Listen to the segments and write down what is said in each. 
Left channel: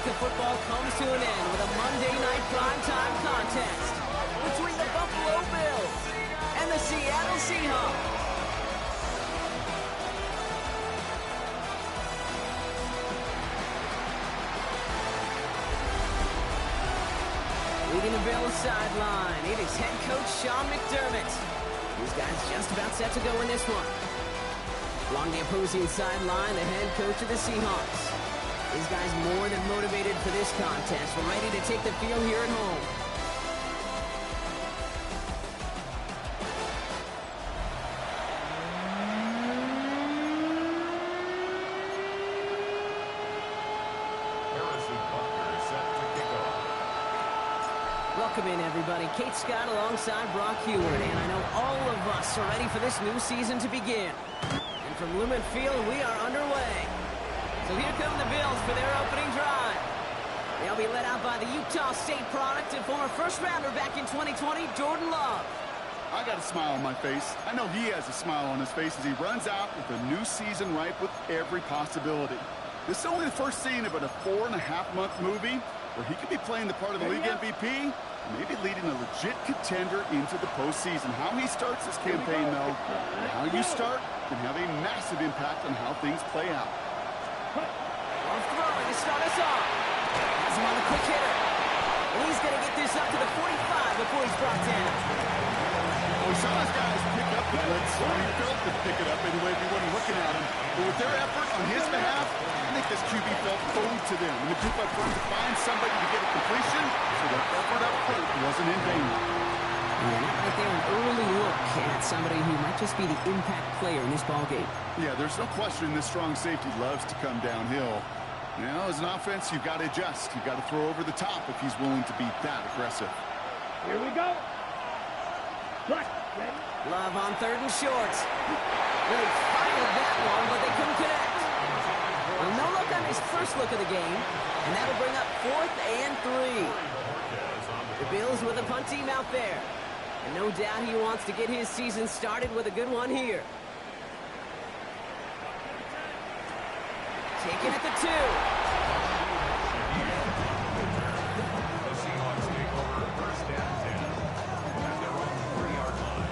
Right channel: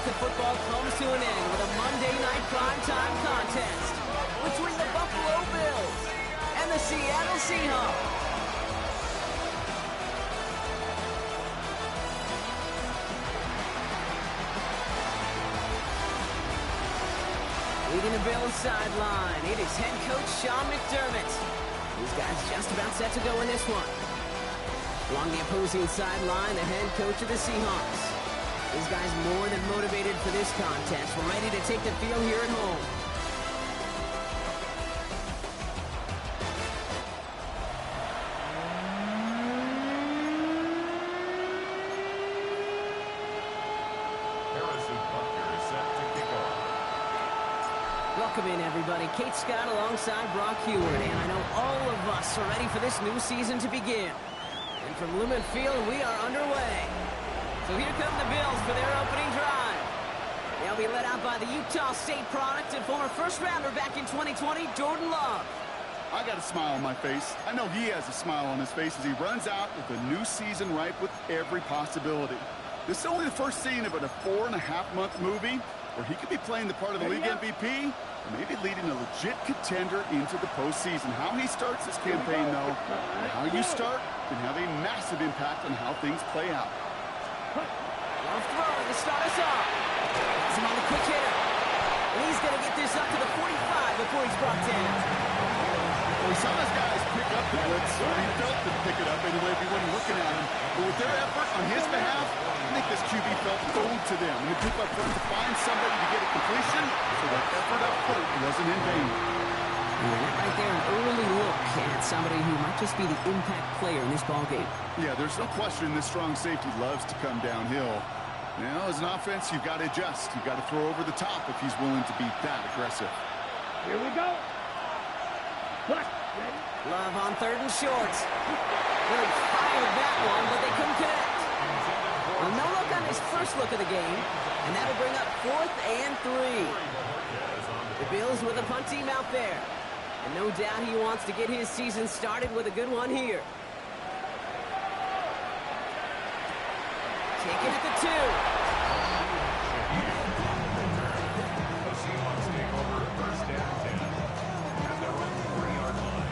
week of football comes to an end with a Monday night primetime contest between the Buffalo Bills and the Seattle Seahawks. Leading the Bills sideline, it is head coach Sean McDermott. These guys just about set to go in this one. Along the opposing sideline, the head coach of the Seahawks. These guys more than motivated for this contest, ready to take the field here at home. Welcome in, everybody. Kate Scott alongside Brock Heward, and I know all of us are ready for this new season to begin. And from Lumen Field, we are underway. So here come the Bills for their opening drive. They'll be led out by the Utah State product and former first-rounder back in 2020, Jordan Love. I got a smile on my face. I know he has a smile on his face as he runs out with a new season ripe with every possibility. This is only the first scene of a 4.5-month movie where he could be playing the part of the league MVP, maybe leading a legit contender into the postseason. How he starts this campaign, though, and how you start can have a massive impact on how things play out. Love throwing to start us off. Has him on the quick hitter. And he's going to get this up to the 45 before he's brought down. Well, we saw his guys pick up the blitz, or he felt to pick it up anyway if he wasn't looking at him. But with their effort on his behalf, I think this QB felt owed to them. And the group up front to find somebody to get a completion, so their effort up front wasn't in vain. And that right there, an early look at somebody who might just be the impact player in this ballgame. Yeah, there's no question this strong safety loves to come downhill. Now, as an offense, you've got to adjust. You've got to throw over the top if he's willing to be that aggressive. Here we go. Ready? Love on 3rd and short. Really fired that one, but they couldn't connect. Well, no look on his first look of the game, and that'll bring up 4th and 3. The Bills with a punt team out there. And no doubt he wants to get his season started with a good one here. Taken at the 2. The Seahawks take over 1st and 10 at their own 3-yard line.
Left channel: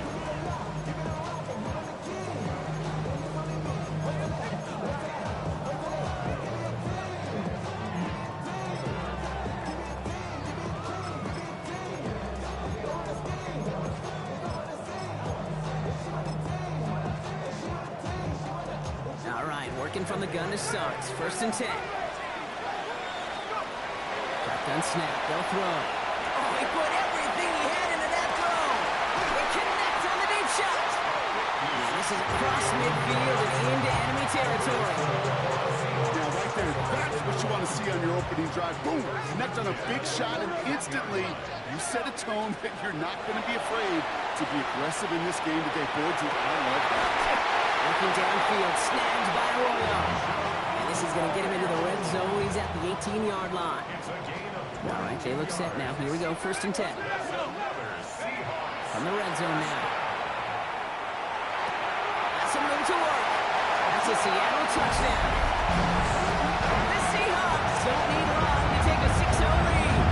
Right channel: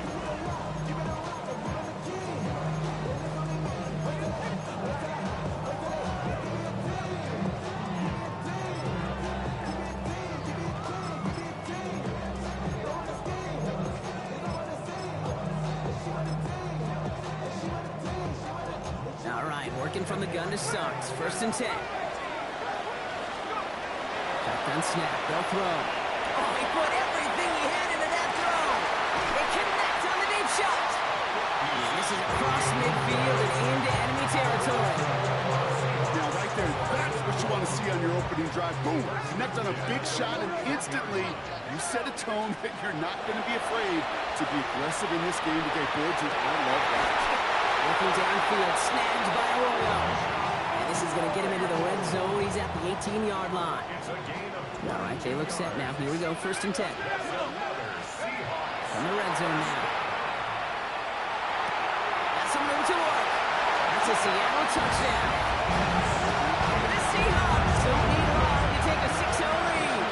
All right, working from the gun to start. 1st and 10. Shotgun snap. They'll throw. Oh, he put everything he had into that throw. They connect on the deep shot. And this is across midfield and into enemy territory. Now, right there, that's what you want to see on your opening drive. Boom! Connect on a big shot, and instantly you set a tone that you're not going to be afraid to be aggressive in this game today. Boyd, I love that. Looking downfield, snagged by Arroyo. And this is going to get him into the red zone. He's at the 18-yard line. All right, they look set now. Here we go, 1st and 10. From the red zone now. Got some room to work. That's a Seattle touchdown. The Seahawks don't need long to take a 6-0 lead.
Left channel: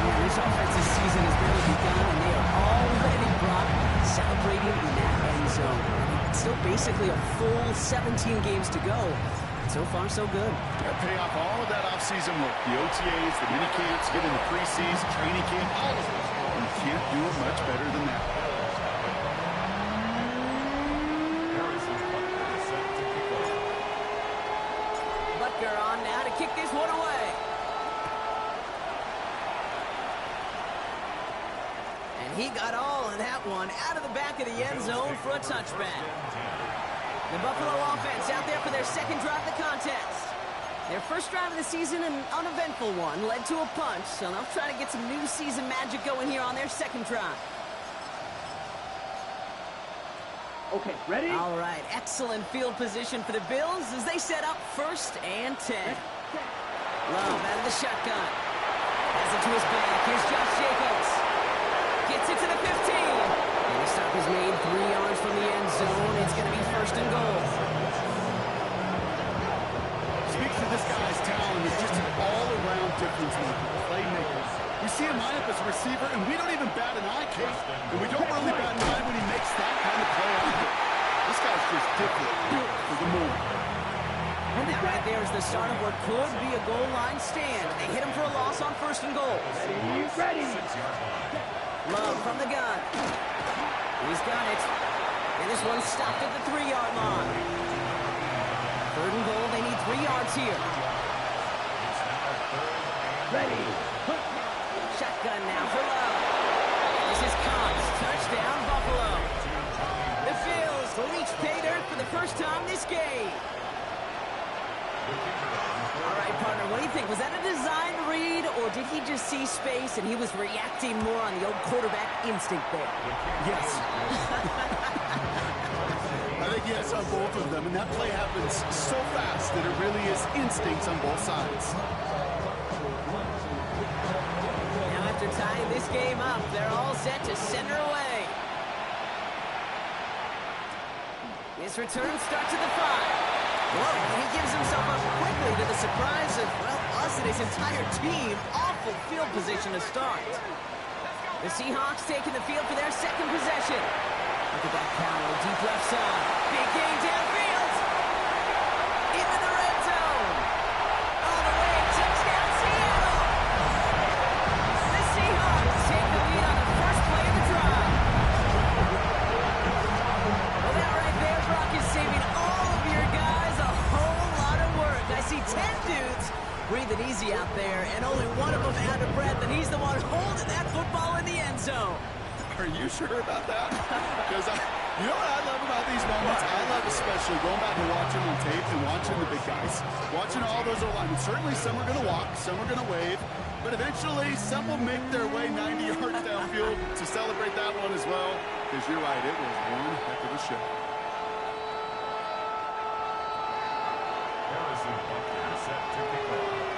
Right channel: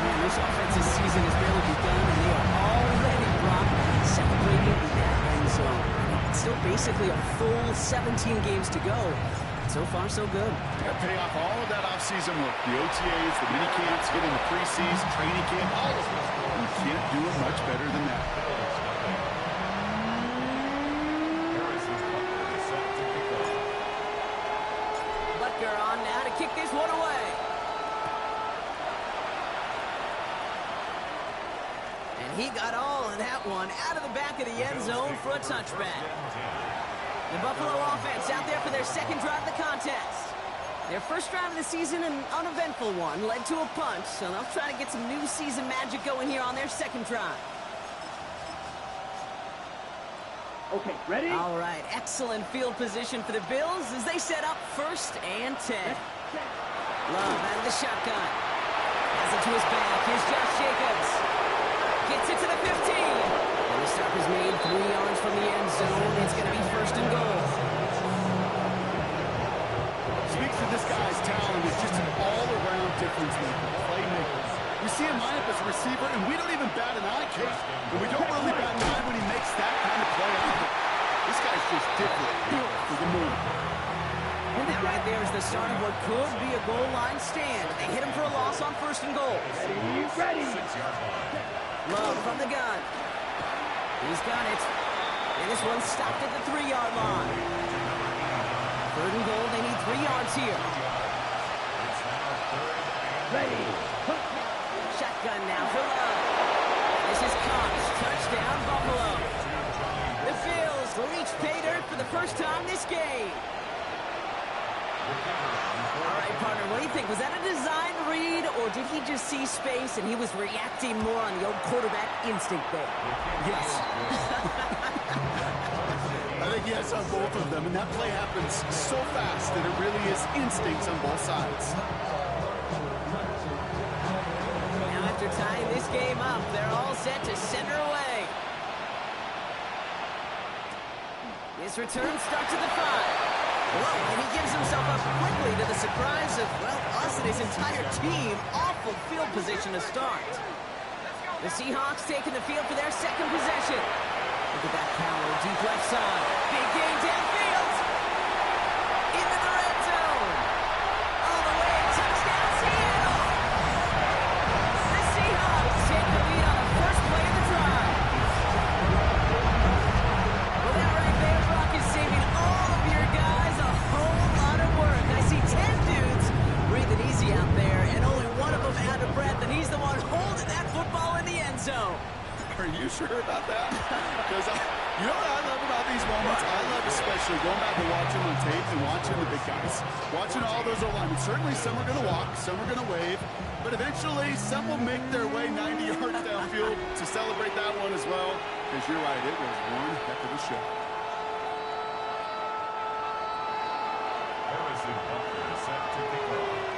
Man, this offensive season has barely begun, and they are already, Brock, celebrating in that end zone. Still basically a full 17 games to go. So far, so good. Yeah, pay off all of that off-season work. The OTAs, the mini camps, get in the preseason, training camp, all of it. You can't do it much better than that. Butker on now to kick this one away. And he got all of that one out of the back of the end zone for a touchback. The Buffalo offense out there for their 2nd drive of the contest. Their 1st drive of the season, an uneventful one, led to a punt, so they'll try to get some new season magic going here on their 2nd drive. Okay, ready? All right, excellent field position for the Bills as they set up 1st and 10. Love out of the shotgun. Has it to his back. Here's Josh Jacobs. Gets it to the 15. And the stop is made 3 yards from the end zone. It's going to be 1st and goal. Speaks to the This guy's talent is just an all-around difference maker, playmaker. We see him line up as a receiver, and we don't even bat an eye, Kate. And we don't really bat an eye when he makes that kind of play either. This guy's just different, built for the moment. And that right there is the start of what could be a goal line stand. They hit him for a loss on 1st and goal. Ready. 6-yard line. Love from the gun. He's got it. And this one's stopped at the 3-yard line. 3rd and goal. They need 3 yards here. It's now 3rd and Ready. Shotgun now for Love. This is Cox. Touchdown, Buffalo. The Bills reach pay dirt for the first time this game. All right, partner, what do you think? Was that a design read, or did he just see space and he was reacting more on the old quarterback instinct there? Yes. I think yes on both of them, and that play happens so fast that it really is instincts on both sides. Now after tying this game up, they're all set to send her away. This return starts at the 5. Whoa, and he gives himself up quickly to the surprise of, well, us and his entire team. Awful field position to start. The Seahawks taking the field for their 2nd possession. Look at that power, deep left side. Big game downfield. Into the red zone. All the way, touchdown Seattle. The Seahawks take the lead on the first play of the drive. Well, that right there, Brock, is saving all of your guys a whole lot of work. I see 10 dudes breathing easy out there, and only one of them out of breath, and he's the one holding that football in the end zone. Are you sure about that? Because you know what I love about these moments? I love especially going back and watching on tape and watching the big guys. Watching all those O-linemen. Certainly some are going to walk, some are going to wave, but eventually some will make their way 90 yards downfield to celebrate that one as well. Because you're right, it was one heck of a show. Harrison Butker set to kick off.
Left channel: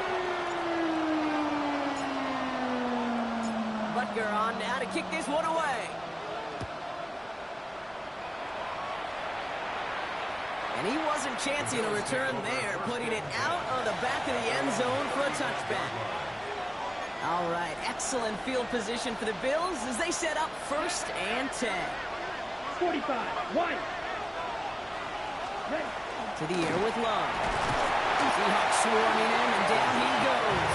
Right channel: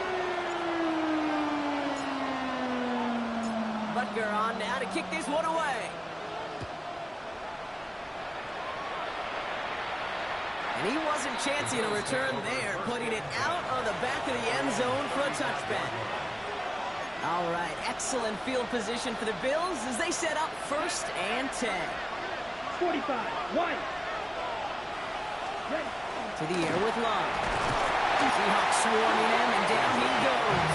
Butker on now to kick this one away. And he wasn't chancing a return there, putting it out on the back of the end zone for a touchback. All right, excellent field position for the Bills as they set up 1st and 10. 45. 1. Ready. To the air with Love. Seahawks swarming him, and down he goes.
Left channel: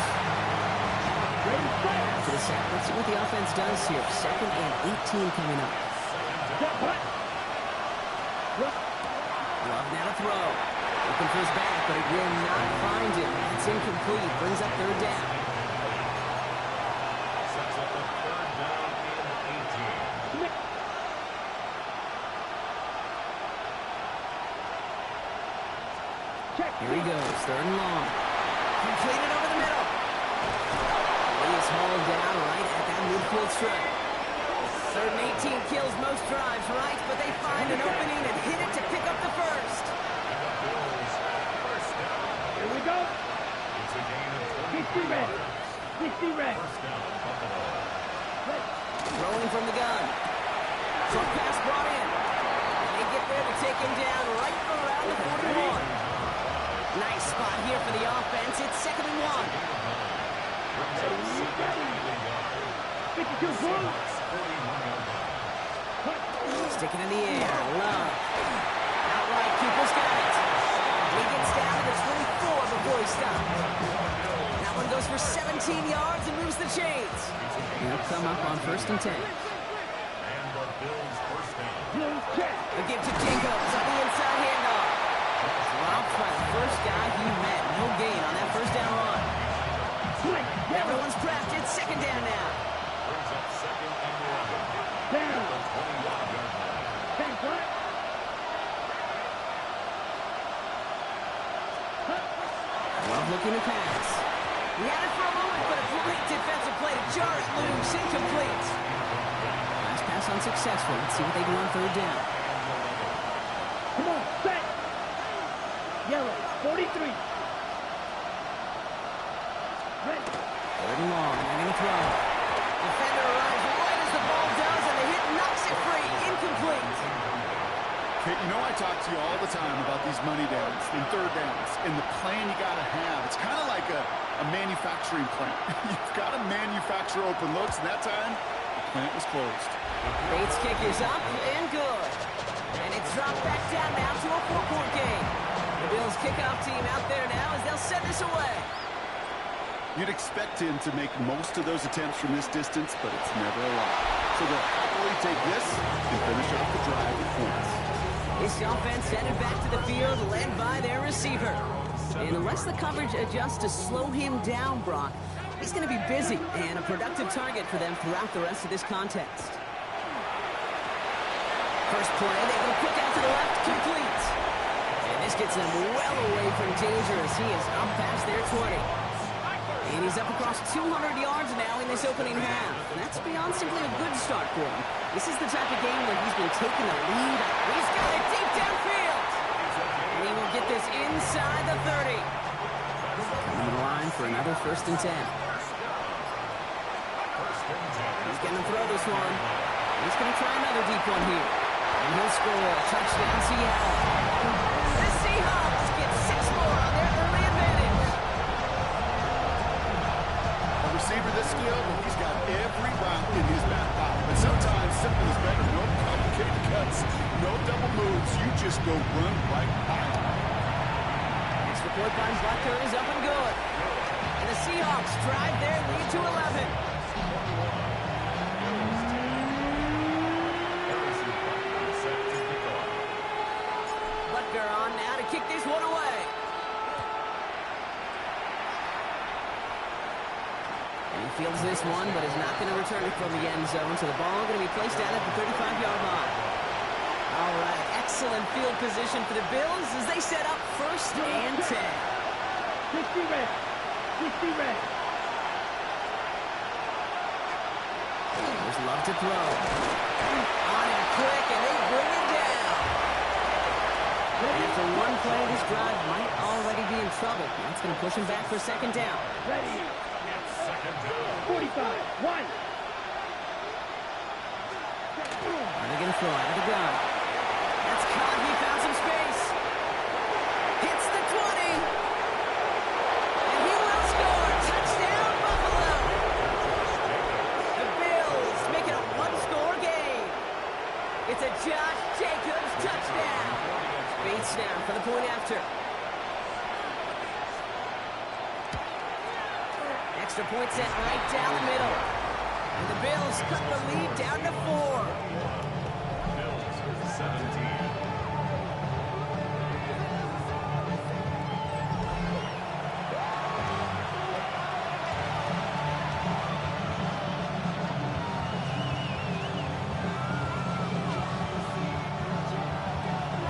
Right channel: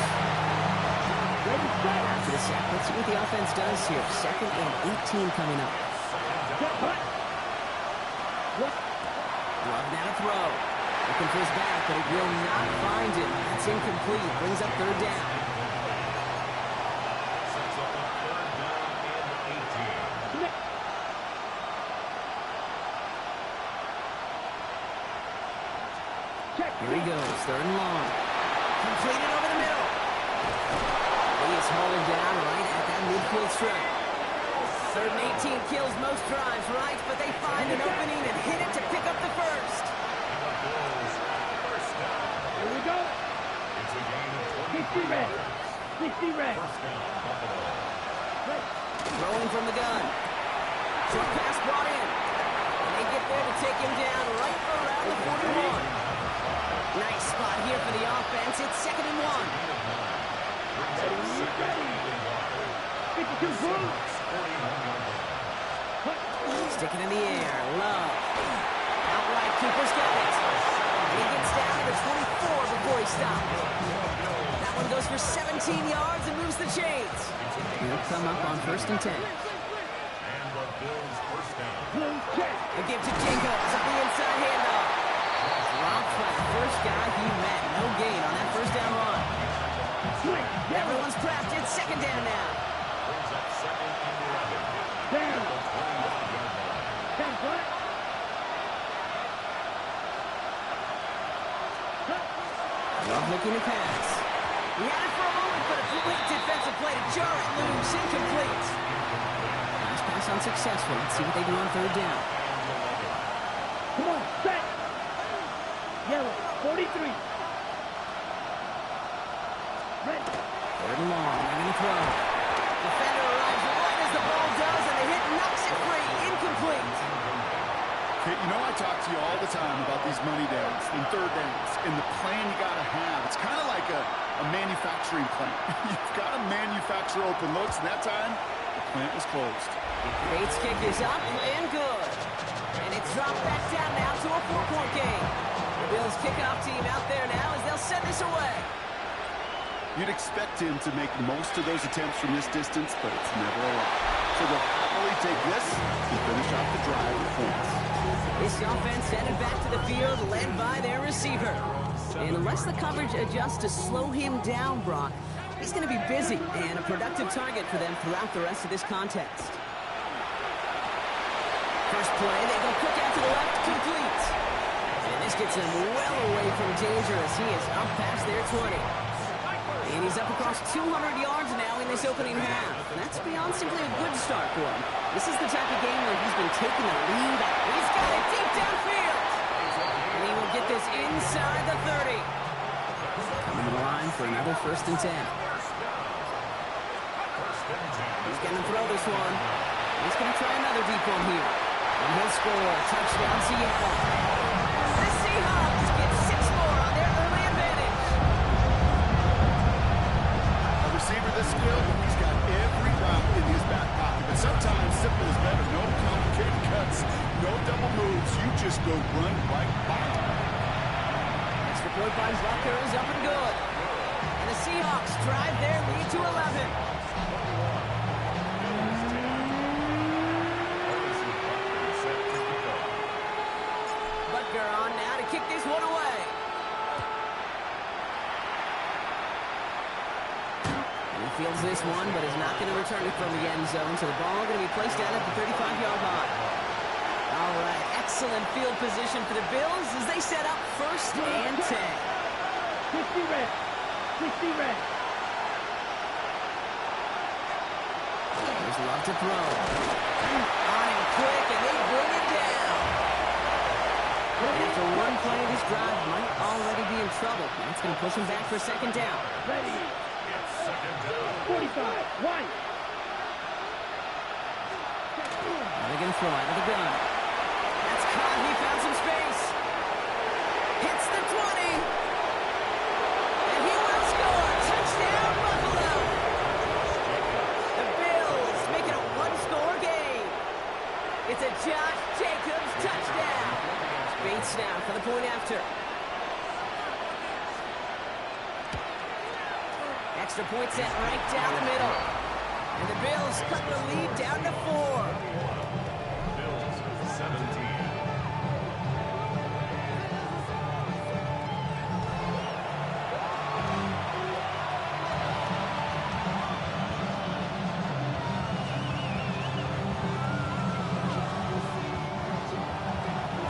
Ready. Set. After the sack, let's see what the offense does here. 2nd and 18 coming up. Set. Hut. Love now to throw. Looking for his back, but it will not find him. It's incomplete. Brings up 3rd down. Sets up a 3rd down and 18. Check. Here he goes, 3rd and long. Completed over the middle. He is hauled down right at that midfield stripe. 3rd and 18 kills most drives, right? But they find an opening and hit it to pick up the 1st. And the Bills, 1st down. Here we go. It's a gain of 60 20 red. yards. 60 red. 1st down, Buffalo. Ready. Throwing from the gun. Short pass brought in. And they get there to take him down right around the 41. Nice spot here for the offense. It's 2nd and 1. Brings up 7 yards. 52 full. 41-yard line. Sticking in the air. Love. Outright, Cooper's got it. And he gets down to the 24 before he stops. That one goes for 17 yards and moves the chains. He'll come up on 1st and 10. And the Bills' 1st down. Blue check. The give to Jacobs on the inside handoff. Dropped by the first guy he met. No gain on that 1st down run. Swing. Everyone's prepped. It's 2nd down now. Brings up 2nd and 11. Down. The 21-yard line. 10 flat. Love looking to pass. He had it for a moment, but a great defensive play to jar it loose. Incomplete. Last pass unsuccessful. Let's see what they do on 3rd down. Come on. Set. Yellow. 43. Ready. 3rd and long. They're going to throw. Defender arrives right as the ball does, and the hit knocks it free. Incomplete. Kate, you know I talk to you all the time about these money downs and 3rd downs and the plan you got to have. like a manufacturing plant. You've got to manufacture open looks, and that time, the plant was closed. Bates' kick is up and good. And it's dropped back down now to a 4-point game. The Bills kickoff team out there now as they'll send this away. You'd expect him to make most of those attempts from this distance, but it's never a lot. So they'll happily take this and finish off the drive with points. This offense headed back to the field, led by their receiver. And unless the coverage adjusts to slow him down, Brock, he's going to be busy and a productive target for them throughout the rest of this contest. First play, they go quick out to the left, complete. And this gets them well away from danger as he is up past their 20. And he's up across 200 yards now in this opening half. That's beyond simply a good start for him. This is the type of game where he's been taking the lead. He's got it deep downfield. And he will get this inside the 30. Coming to the line for another 1st and 10. He's going to throw this one. He's going to try another deep one here. And he'll score. Touchdown, Seattle. The Seahawks get 6 more on their early advantage. A receiver this skilled, well, he's got every route in his back pocket. But sometimes simple is better. No complicated cuts, no double moves. You just go run right by him. Extra point by Butker is up and good. And the Seahawks drive their lead to 11. Butker on now to kick this one away. And he fields this one, but is not going to return it from the end zone. So the ball going to be placed down at the 35-yard line. All right, excellent field position for the Bills as they set up 1st and 10. 60 red. 60 red. There's Love to throw. On him quick, and they bring it down. And after one play, this drive might already be in trouble. That's going to push him back for 2nd down. Ready. 45. 1. Now they're going to throw out of the gun. That's caught. He found some space. Hits the 20. And he will score. Touchdown, Buffalo. The Bills make it a 1-score game. It's a Josh Jacobs touchdown. Bates now for the point after. Extra point set right down the middle. And the Bills cut the lead down to 4. Bills 17.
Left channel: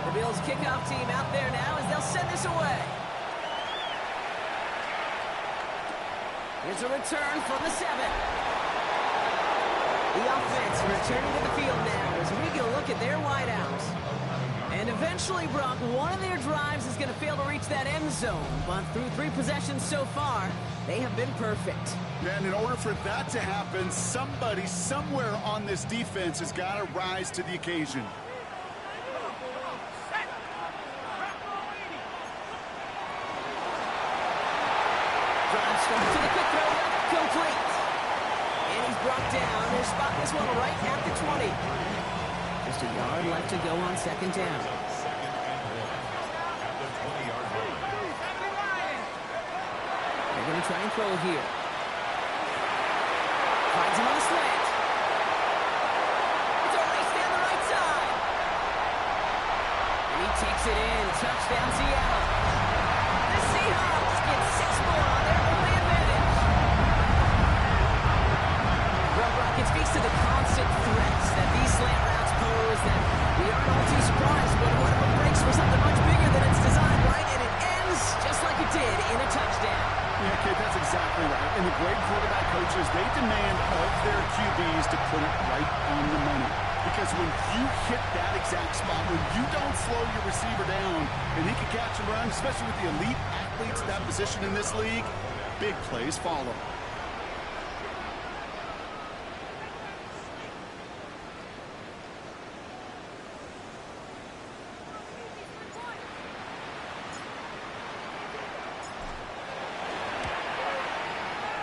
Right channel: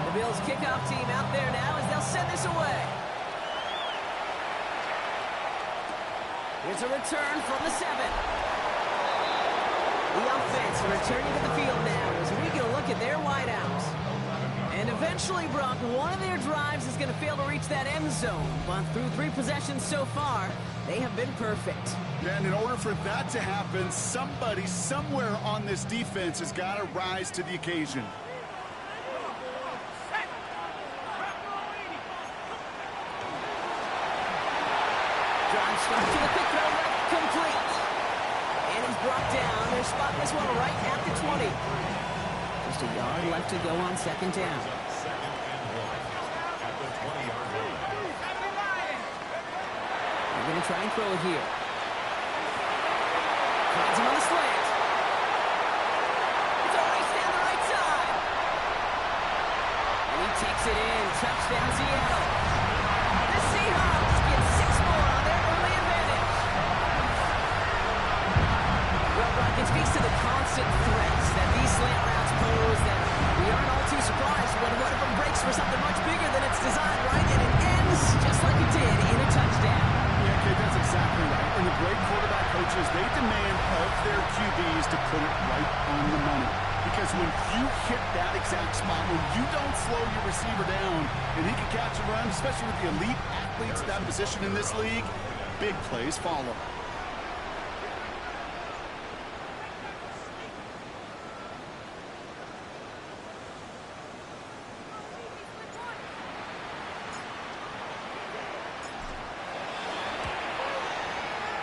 The Bills kickoff team out there now as they'll send this away. Here's a return from the 7. The offense returning to the field now as we get a look at their wideouts. And eventually, Brock, one of their drives is going to fail to reach that end zone. But through 3 possessions so far, they have been perfect. And in order for that to happen, somebody somewhere on this defense has got to rise to the occasion. Drive start to the quick throw left, complete. And he's brought down. They're spotting this one right at the 20. Just a yard left to go on 2nd down. 2nd and 1 at the 20-yard line. They're going to try and throw it here. Finds him on the slant. It's a race down the right side. And he takes it in. Touchdown, Seattle. The Seahawks get 6 more on their early advantage. Well, Brock, it speaks to the constant threats that these slant routes pose that we aren't all too surprised when one of them breaks for something much bigger than it's designed, right? And it ends just like it did in a touchdown. Yeah, Kate, that's exactly right. And the great quarterback coaches, they demand of their QBs to put it right on the money. Because when you hit that exact spot, when you don't slow your receiver down and he can catch and run, especially with the elite athletes at that position in this league, big plays follow.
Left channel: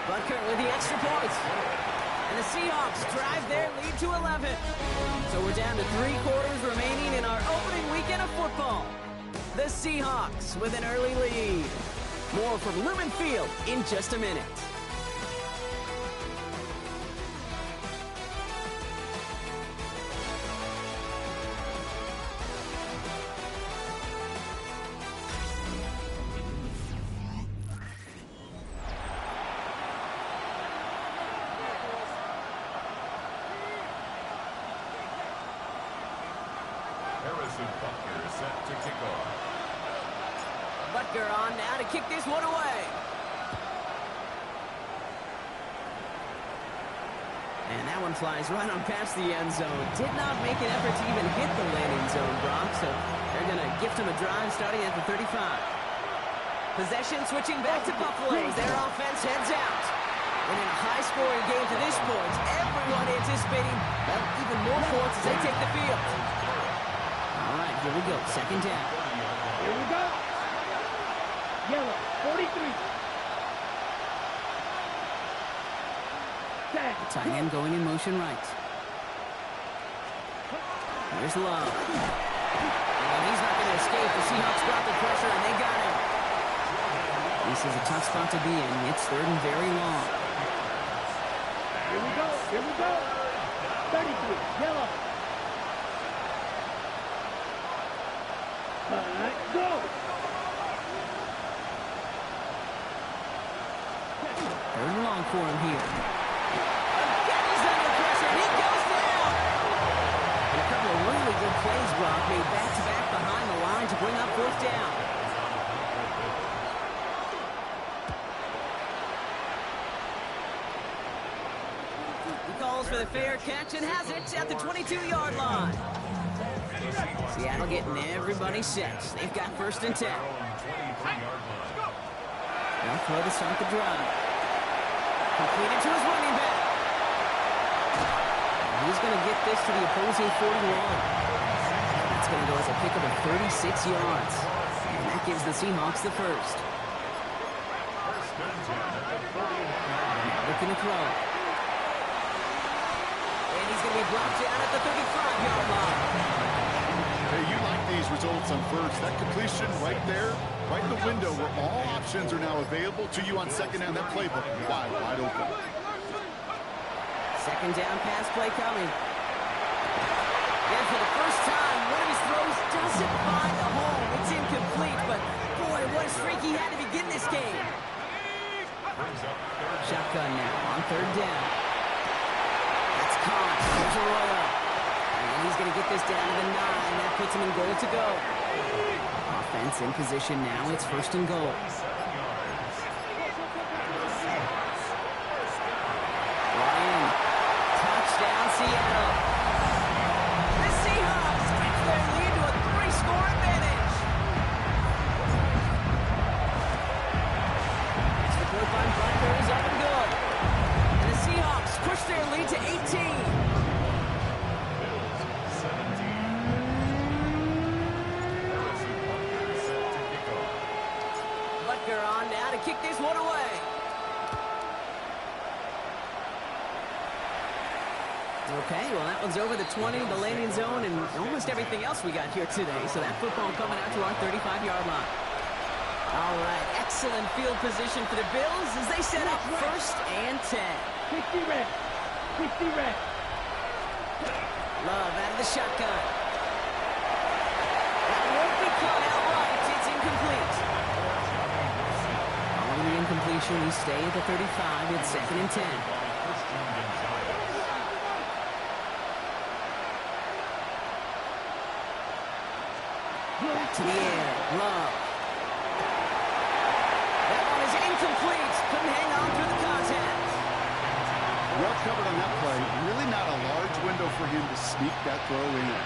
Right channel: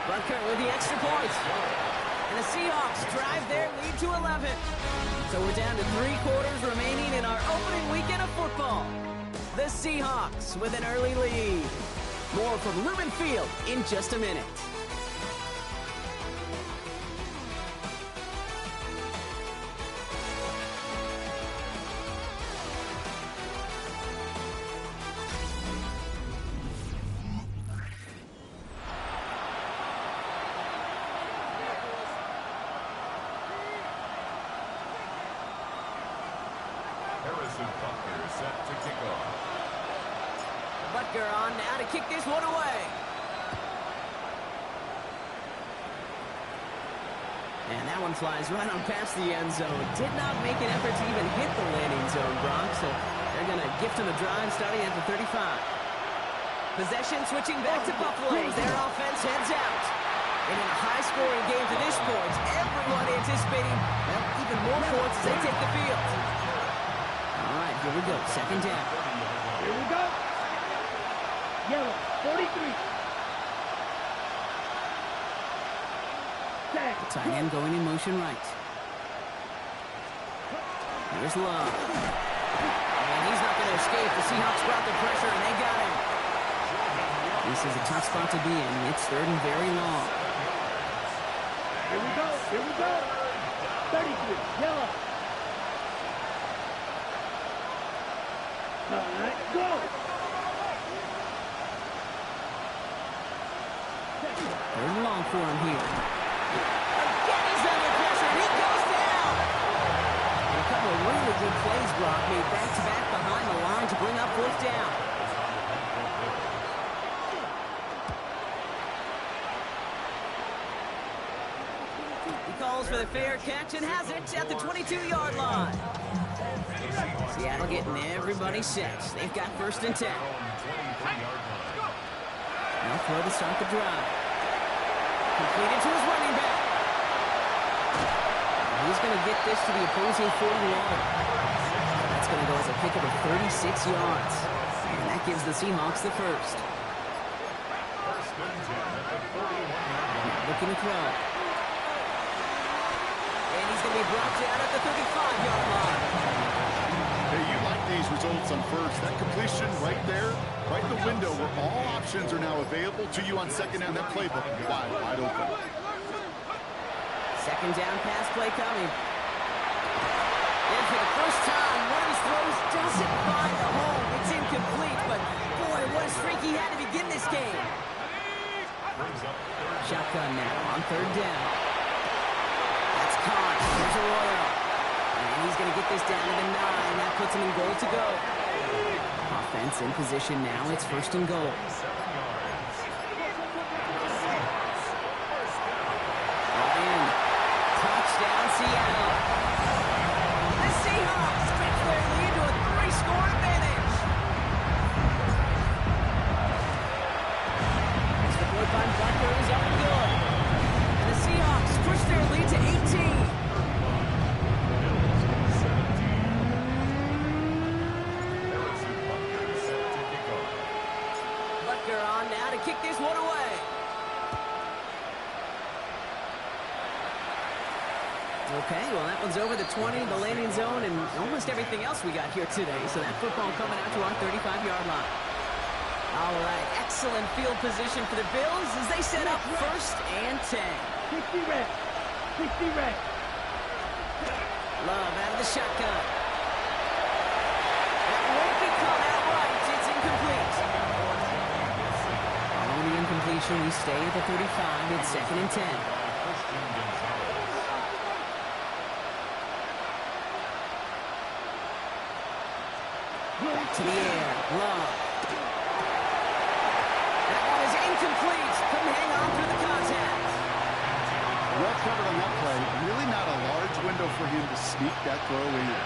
Butker with the extra point. And the Seahawks drive their lead to 11. So we're down to 3 quarters remaining in our opening weekend of football. The Seahawks with an early lead. More from Lumen Field in just a minute. Harrison Butker is set to kick off. Butker on now to kick this one away. And that one flies right on past the end zone. Did not make an effort to even hit the landing zone, Brock. So they're going to gift him a drive starting at the 35. Possession switching back to Buffalo as their offense heads out. And in a high-scoring game to this point, everyone anticipating, well, even more points as they take the field. All right, here we go. Second down. Here we go. Yellow, 43. The tight end going in motion right. Here's Love. And he's not going to escape. The Seahawks brought the pressure, and they got him. This is a tough spot to be in. It's third and very long. Here we go. Here we go. 33. Yellow. All right, go. Third and long for him here. Again, he's under pressure, and he goes down. And a couple of really good plays, Brock, made back-to-back behind the line to bring up fourth down. He calls for the fair catch and has it at the 22-yard line. Seattle getting everybody set. They've got first and 10. They'll throw to start the drive. Completed to his running back. He's going to get this to the opposing 41. That's going to go as a pickup of 36 yards. And that gives the Seahawks the first. Now looking to throw. And he's going to be brought down at the 35-yard line. Hey, you like these results on first. That completion right there, right in the window where all options are now available to you on second down. That playbook wide open. Second down pass play coming. And for the first time, one of his throws doesn't find the home. It's incomplete, but boy, what a streak he had to begin this game. Shotgun now on third down. That's caught. Here's Arroyo. And he's going to get this down to the 9. That puts him in goal to go. Offense in position now. It's first and goal. Brought in. Touchdown, Seattle. The Seahawks stretch their lead to a 3-score advantage. Extra point by Butker is up and good. And the Seahawks push their lead to 18. On now to kick this one away. Okay, well, that one's over the 20, the landing zone, and almost everything else we got here today. So that football coming out to our 35-yard line. All right, excellent field position for the Bills as they set up first and 10. 60 red. 60 red. Love out of the shotgun. That won't be caught outright. It's incomplete. Following the incompletion, we stay at the 35. It's second and 10. Back to the air. Love. That one is incomplete. Couldn't hang on through the contact. Well covered on that play. Really not a large window for him to sneak that throw in.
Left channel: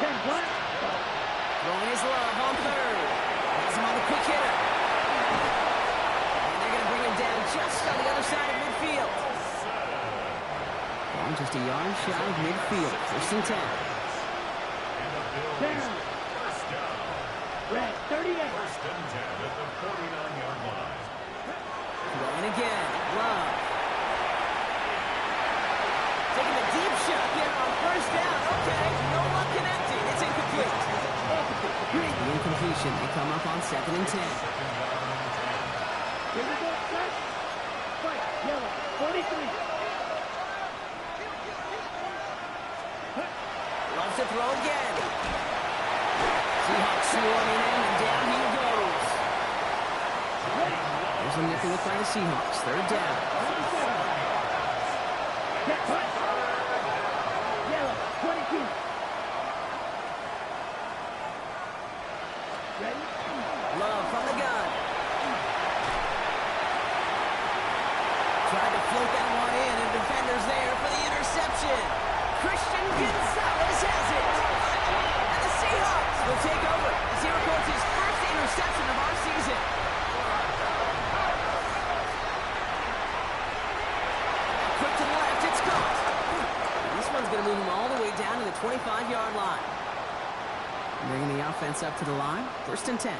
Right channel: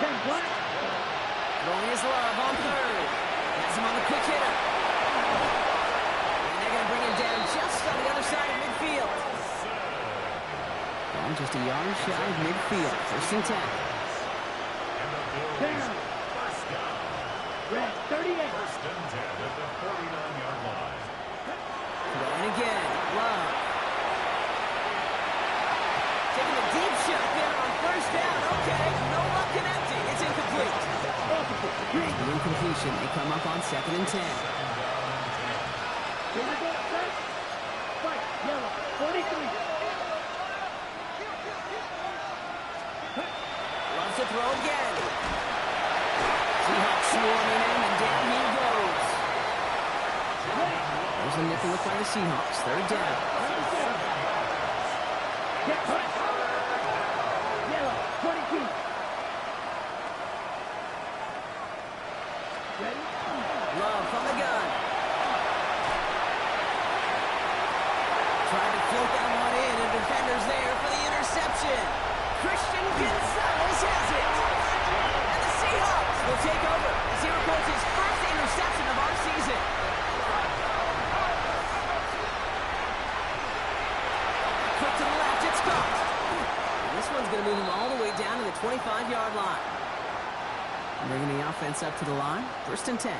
10 black. Throwing his Love on third. Has him on the quick hitter. And they're going to bring him down just on the other side of midfield. Ball just a yard shy of midfield. First and 10. Down. Red, 38. First and 10 at the 49-yard line. Throwing again. Love. Taking a deep shot there on first down. Okay, no luck connecting. It's incomplete. The incompletion. They come up on 2nd and 10. Second down and 10. Here we go, set. Fight, yellow, 43. Loves to throw again. Seahawks swarming him, and down he goes. There's a nickel look by the Seahawks. 3rd down. Get cut. Yellow, 22. Ready? Love from the gun. Tried to float that one in, and defenders there for the interception. Christian Gonzalez has it. And the Seahawks will take over as he records his first interception of our season. Quick to the left, it's caught. And this one's going to move him all the way down to the 25-yard line. Bringing the offense up to the line. 1st and 10.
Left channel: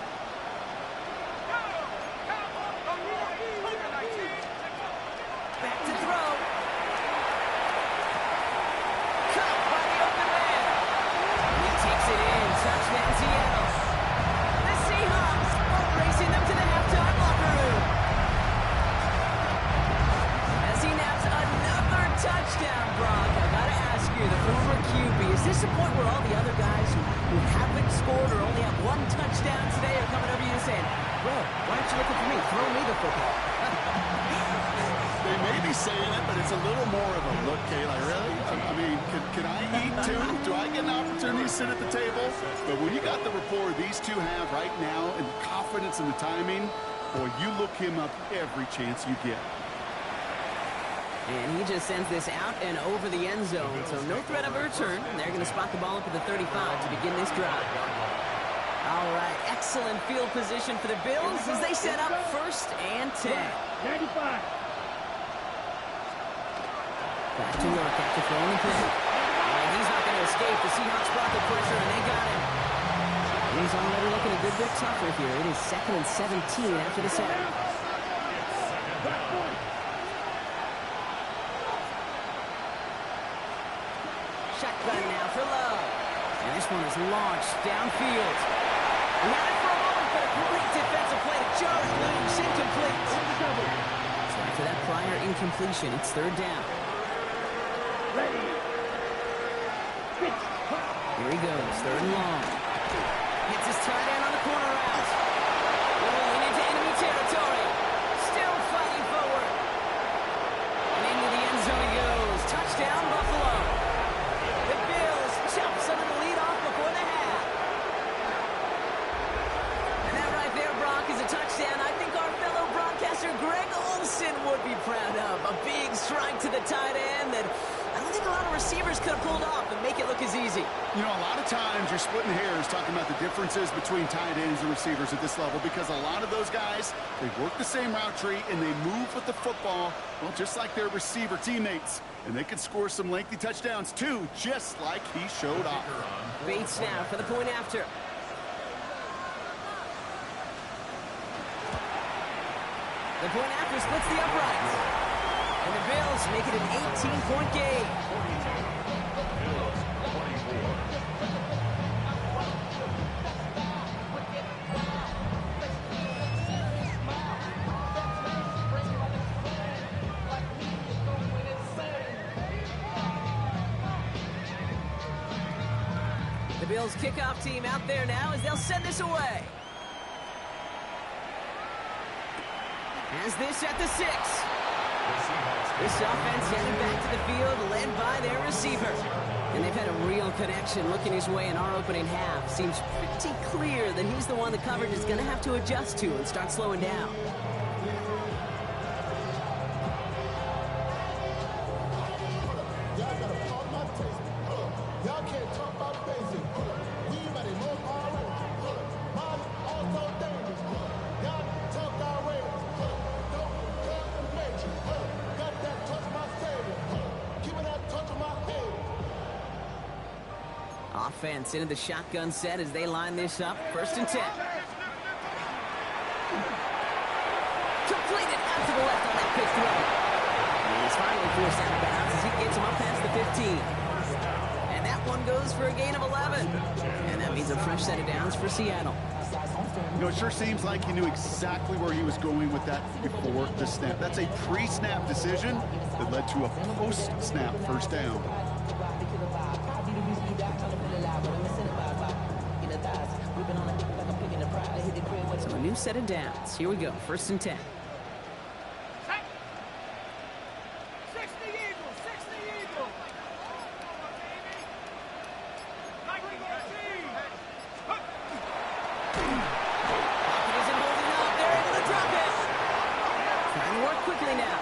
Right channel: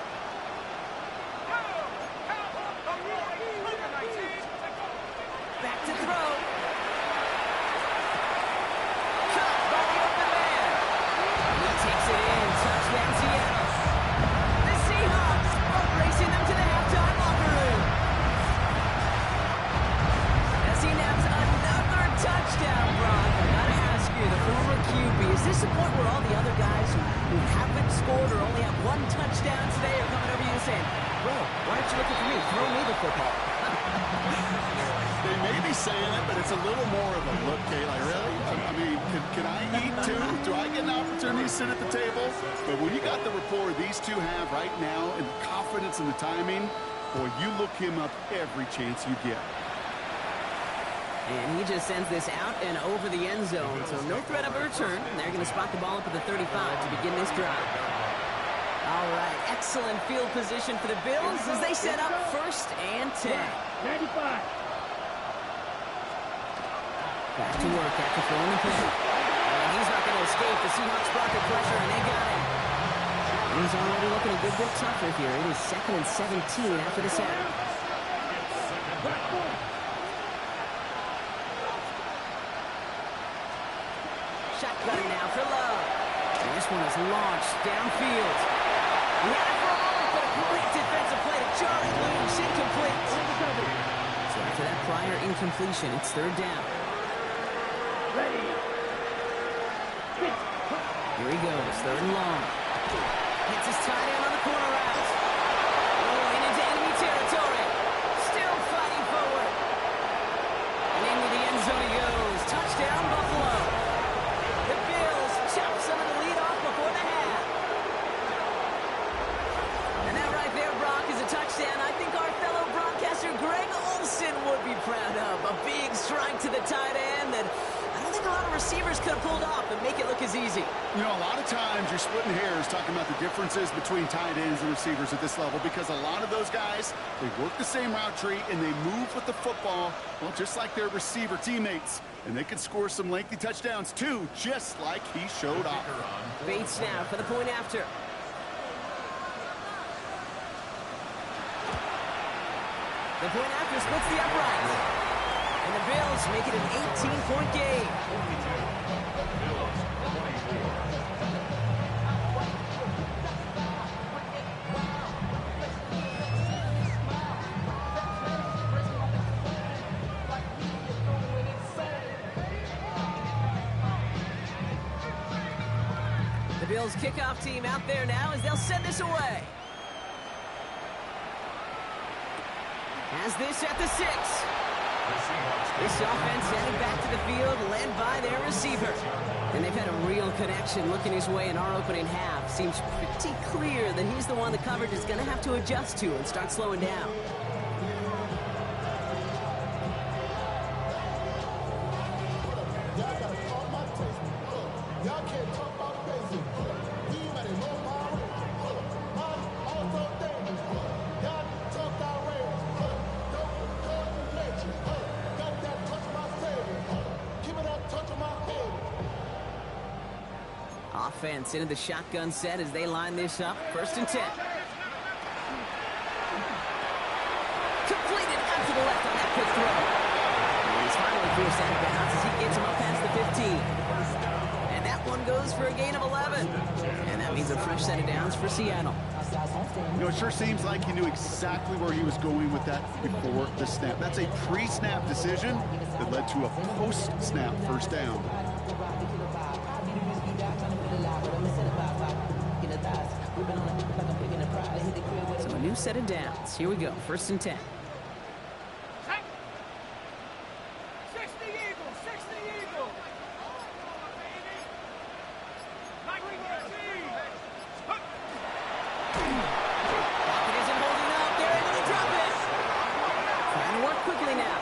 Back to throw. Caught by the open man. He takes it in. Touchdown, Seattle. The Seahawks boat racing them to the halftime locker room. As he naps another touchdown, Brock. I gotta ask you, the former QB, is this the point where all the other guys who haven't scored or only have one touchdown today are coming over you and saying, bro, why aren't you looking for me? Throw me the football. They may be saying it, but it's a little more of a look, Kay. Like, really? I mean, can I eat too? Do I get an opportunity to sit at the table? But when you got the rapport these two have right now and the confidence in the timing, boy, you look him up every chance you get. And he just sends this out and over the end zone, so no threat of a return. And they're going to spot the ball up at the 35 to begin this drive. All right, excellent field position for the Bills as they set up 1st and 10. 95. Back to work after throwing the pin. And he's not going to escape. The Seahawks brought the pressure, and they got him. And he's already looking a good bit tougher here. It is 2nd and 17 after the set. Shotgun now for Love. And this one is launched downfield. He had it for a moment, but a great defensive play to Jarrett loose. Incomplete. So after that prior incompletion, it's 3rd down. Ready. Here he goes, 3rd and long. Hits his tight end on the corner route. Rolling into enemy territory. Still fighting forward. And into the end zone he goes. Touchdown, Buffalo. The Bills chop some of the lead off before the half. And that right there, Brock, is a touchdown I think our fellow broadcaster Greg Olsen would be proud of. A big strike to the tight end that I don't think a lot of receivers could have pulled off and make it look as easy. You know, a lot of times you're splitting hairs talking about the differences between tight ends and receivers at this level because a lot of those guys, they work the same route tree and they move with the football, well, just like their receiver teammates. And they can score some lengthy touchdowns, too, just like he showed off. Bates now for the point after. The point after splits the uprights. And the Bills make it an 18-point game. Bills 24. The Bills kickoff team out there now as they'll send this away. Has this at the 6. This offense headed back to the field, led by their receiver. And they've had a real connection looking his way in our opening half. Seems pretty clear that he's the one the coverage is going to have to adjust to and start slowing down. Y'all gotta talk my taste. Y'all can't talk about basic. We might have more power rangers. Mine also dangerous. Y'all talk outrageous. Don't cut the matrix. Got that touch my savior. Keep it that touch of my head. offense into the shotgun set as they line this up. 1st and 10. Completed out to the left on that quick throw. And he's finally forced out of bounds as he gets him up past the 15. And that one goes for a gain of 11. And that means a fresh set of downs for Seattle. You know, it sure seems like he knew exactly where he was going with that before the snap. That's a pre-snap decision that led to a post-snap 1st down. So a new set of downs. Here we go. 1st and 10. 60 Eagles, 60 Eagles. Pocket isn't holding up. They're able to drop it. Trying to work quickly now.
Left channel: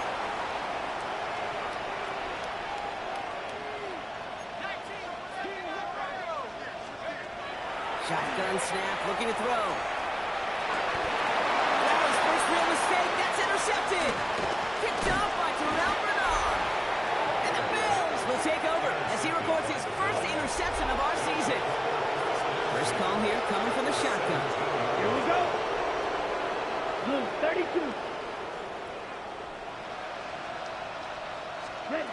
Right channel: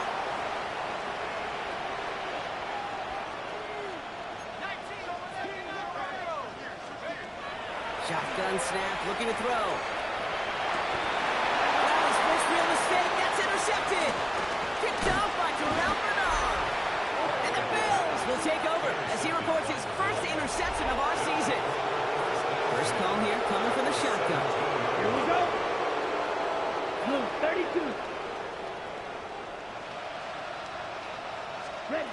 Shotgun snap, looking to throw. Well, his first real mistake. That's intercepted. Picked off by Terrell Bernard. And the Bills will take over as he records his first interception of our season. First call here coming from the shotgun. Here we go. Blue 32. Ready.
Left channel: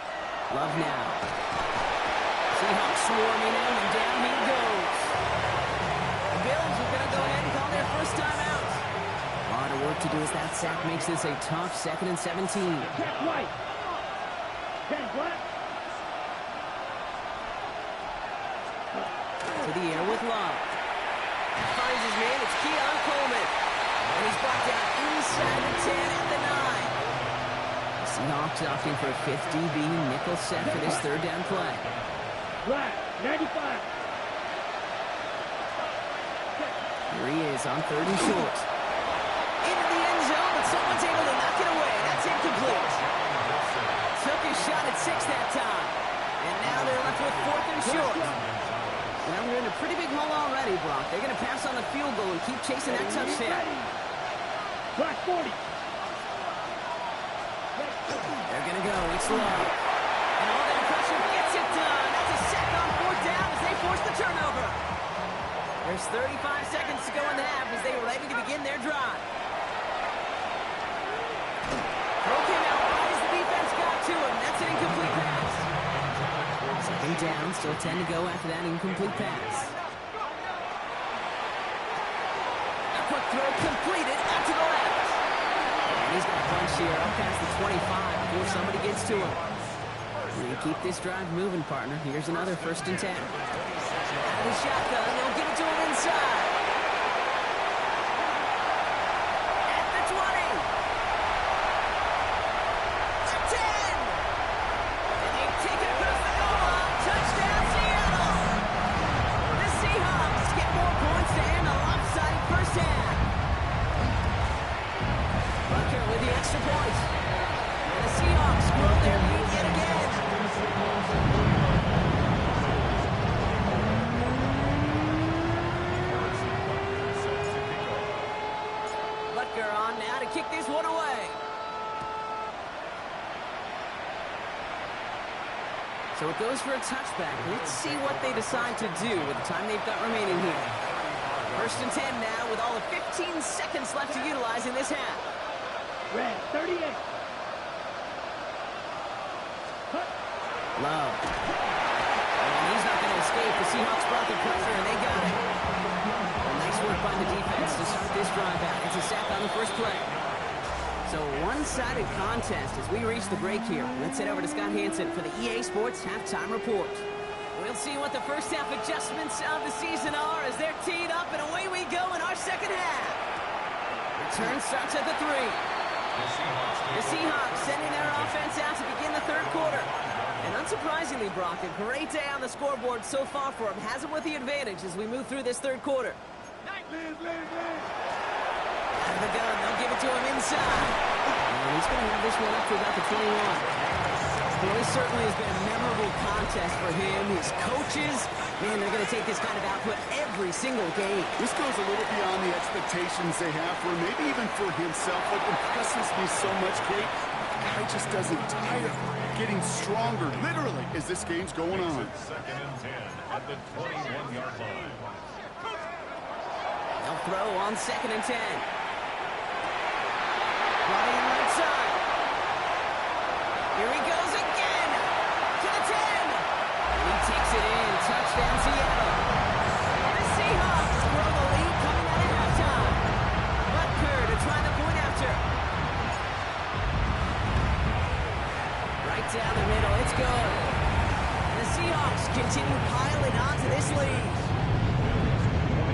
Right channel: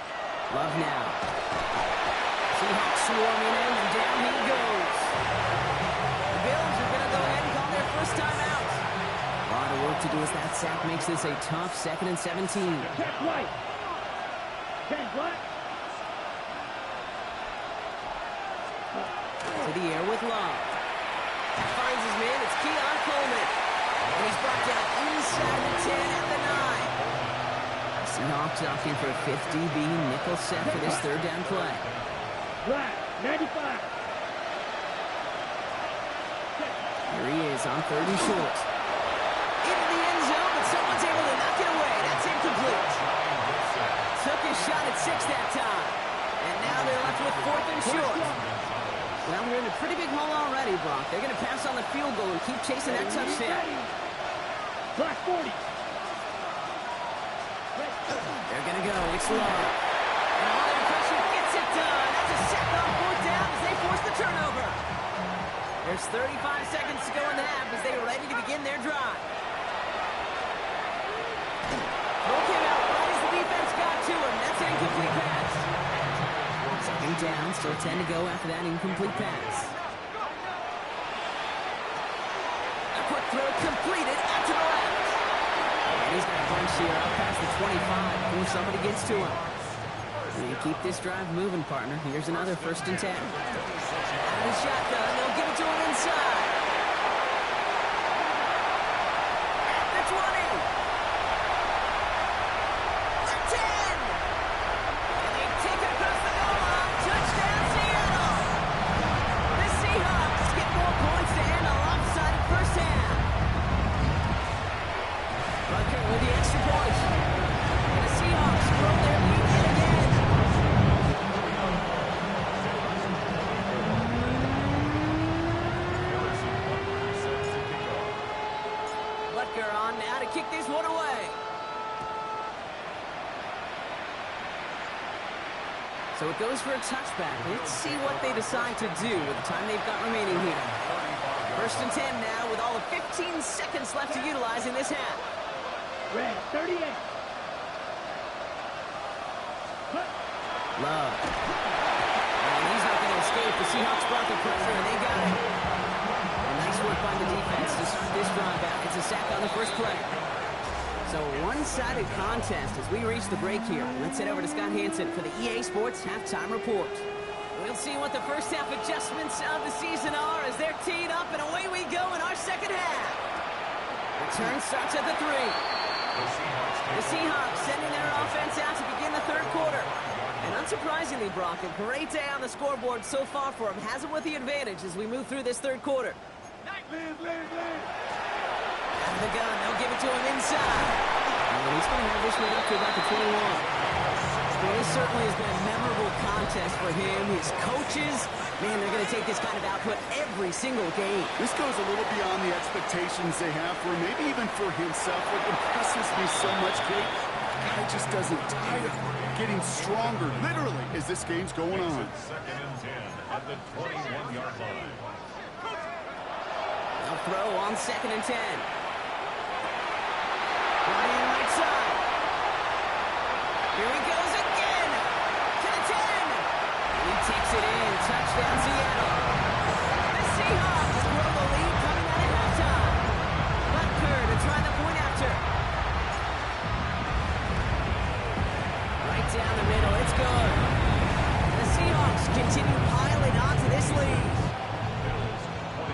Love now. Seahawks swarming him, and down he goes. The Bills are going to go ahead and call their first timeout. A lot of work to do as that sack makes this a tough 2nd and 17. Check right. 10 black. To the air with Love. That finds his man. It's Keon Coleman. And he's brought down inside the 10 at the 9. The Seahawks opting for a 50-B nickel set for this 3rd down play. Black, 95. Here he is on 3rd and short. Into the end zone, but someone's able to knock it away. That's incomplete. Took his shot at 6 that time. And now they're left with 4th and short. Well, we're in a pretty big hole already, Brock. They're going to pass on the field goal and keep chasing that touchdown. Black 40. They're going to go. It's Love. And all their pressure gets it done. That's a sack on 4th down as they force the turnover. There's 35 seconds to go in the half as they are ready to begin their drive. Throw came out right as the defense got to him. That's an incomplete pass. 2nd down, still 10 to go after that incomplete pass. A quick throw completed out to the left. And he's got a bunch here up past the 25 before somebody gets to him. And you keep this drive moving, partner. Here's another 1st and 10. Out of the shotgun, they'll give it to him inside. At the 20. The 10. And they take it across the goal line. Touchdown, Seattle. The Seahawks get more points to end a lopsided first half. Bucker with the extra point. And the Seahawks grow their lead yet again. Butker on now to kick this one away. So it goes for a touchback. Let's see what they decide to do with the time they've got remaining here. 1st and 10 now with all of 15 seconds left to utilize in this half. Red 38. Cut. Love. And he's not going to escape. The Seahawks brought the pressure, and they got it. And nice work by the defense to start this drive out. It's a sack on the first play. So one-sided contest as we reach the break here. Let's head over to Scott Hansen for the EA Sports Halftime Report. We'll see what the first half adjustments of the season are as they're teed up, and away we go in our second half. Return starts at the 3. The Seahawks sending their offense out to begin the 3rd quarter. And unsurprisingly, Brock, a great day on the scoreboard so far for him. Has it with the advantage as we move through this 3rd quarter. Out of the gun, they'll give it to him inside. And he's going to have this one up to about the 21. Well, this certainly has been a memorable contest for him. His coaches, man, they're going to take this kind of output every single game. This goes a little beyond the expectations they have for him, maybe even for himself. What impresses me so much, Kate, guy just doesn't tire. Getting stronger, literally, as this game's going on. Second and 10 at the 21-yard line. They'll throw on 2nd and 10. Brought in right side. Here he goes again. To the 10. And he takes it in. Touchdown, Seattle. The Seahawks grow the lead coming out at halftime. Butker to try the point after. Right down the middle. It's good. And the Seahawks continue piling onto this lead. Bills 24.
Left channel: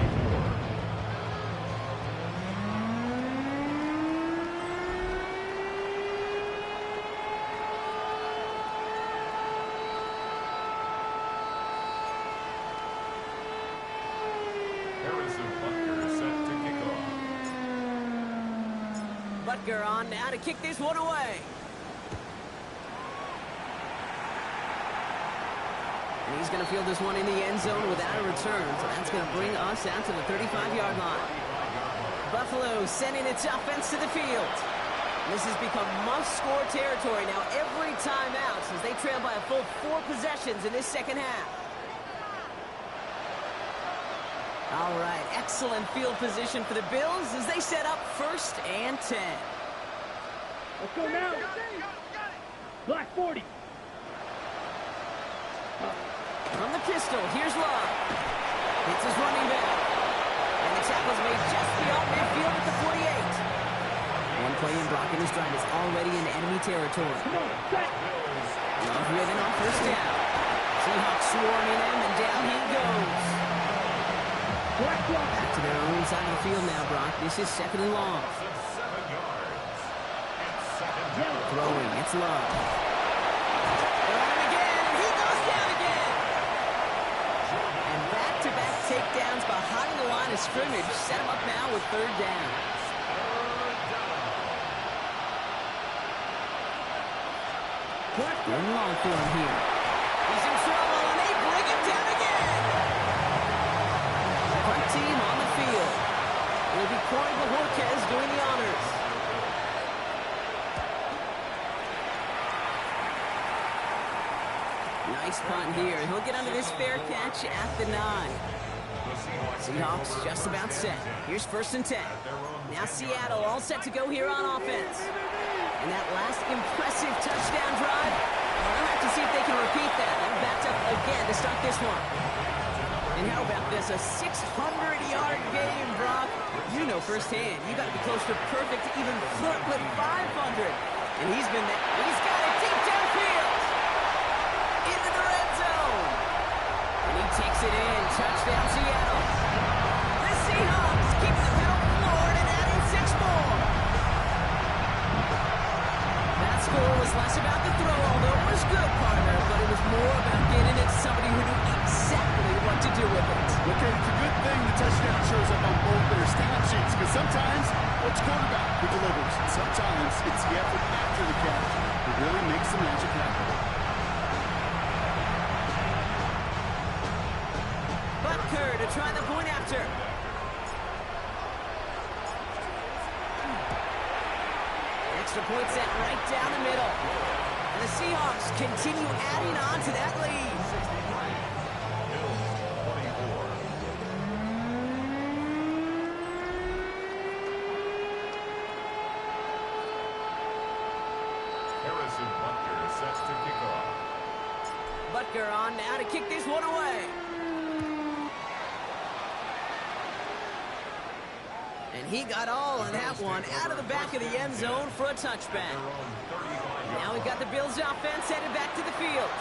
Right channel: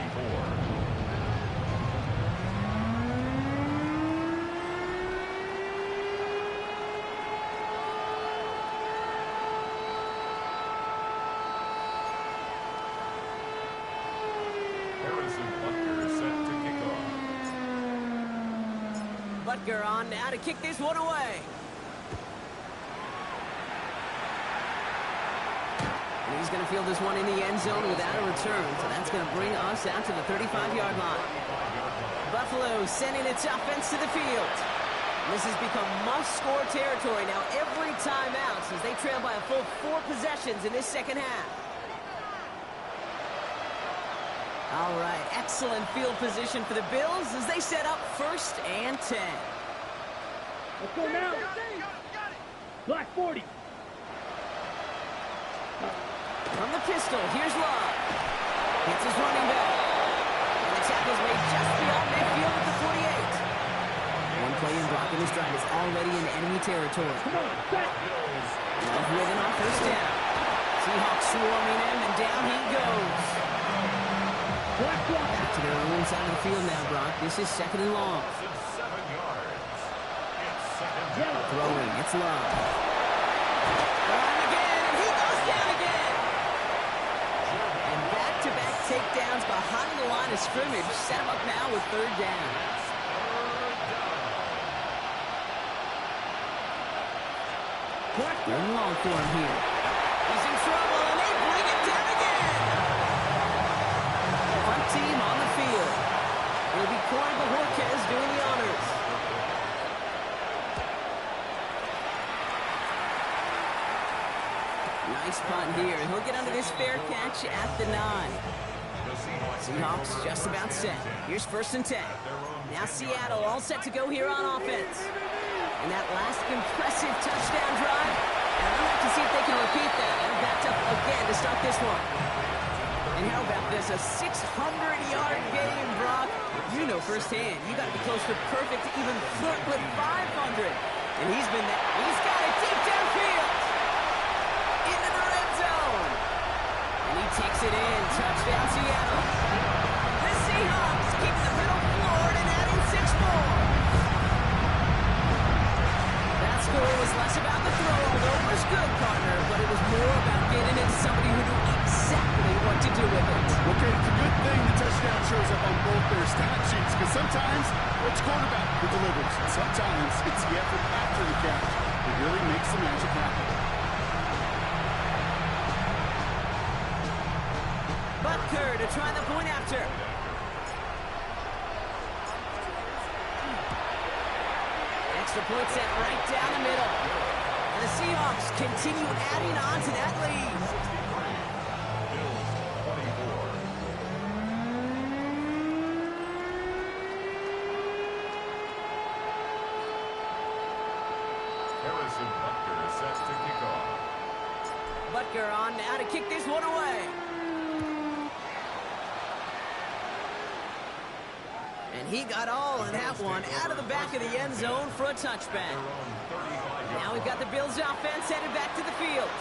Harrison Butker set to kick off. Butker on now to kick this one away. And he's going to field this one in the end zone without a return. So that's going to bring us out to the 35-yard line. Buffalo sending its offense to the field. And this has become must-score territory now every time out since they trail by a full 4 possessions in this second half. All right, excellent field position for the Bills as they set up 1st and 10. Let's go now. Black 40. From the pistol, here's Love. Hits his running back. And the tackle's made just beyond midfield at the 48. One play in blocking his drive is already in enemy territory. Come on, set. Love with it on 1st down. Seahawks swarming him, and down he goes. Black block. Back to their own side of the field now, Brock. This is 2nd and long. 7 yards. It's 2nd down. Throwing, it's Love. They're on him again, and he goes down again. And back-to-back takedowns behind the line of scrimmage set him up now with 3rd down. Black 3rd and long for him here. He's in trouble, and they bring him down again. Front team on the field. It'll be Corey Bojorquez doing the honors. Nice punt here. He'll get under this fair catch at the 9. Seahawks just about set. Here's 1st and 10. Now Seattle all set to go here on offense. And that last impressive touchdown drive, and they'll have to see if they can repeat that. They're backed up again to start this one. And how about this? A 600-yard game, Brock. You know firsthand, you got to be close to perfect to even flirt with 500. And he's been there. He's got it deep downfield. Into the red zone. And he takes it in. Touchdown, Seattle. The Seahawks keeping the pedal floored and adding 6 more. That score was less about the throw, although it was good, partner, but it was more about getting it to somebody who knew exactly what to do with it. Look, it's a good thing the touchdown shows up on both their stat sheets, because sometimes it's quarterback who delivers. Sometimes it's the effort after the catch that really makes the magic happen. Butker to try the point after. Extra point set right down the middle. And the Seahawks continue adding on to that lead. 63. Bills 24. Harrison Butker set to kick off. Butker on now to kick this one away. And he got all of that one out of the back of the end zone for a touchback. Now we've got the Bills offense headed back to the field.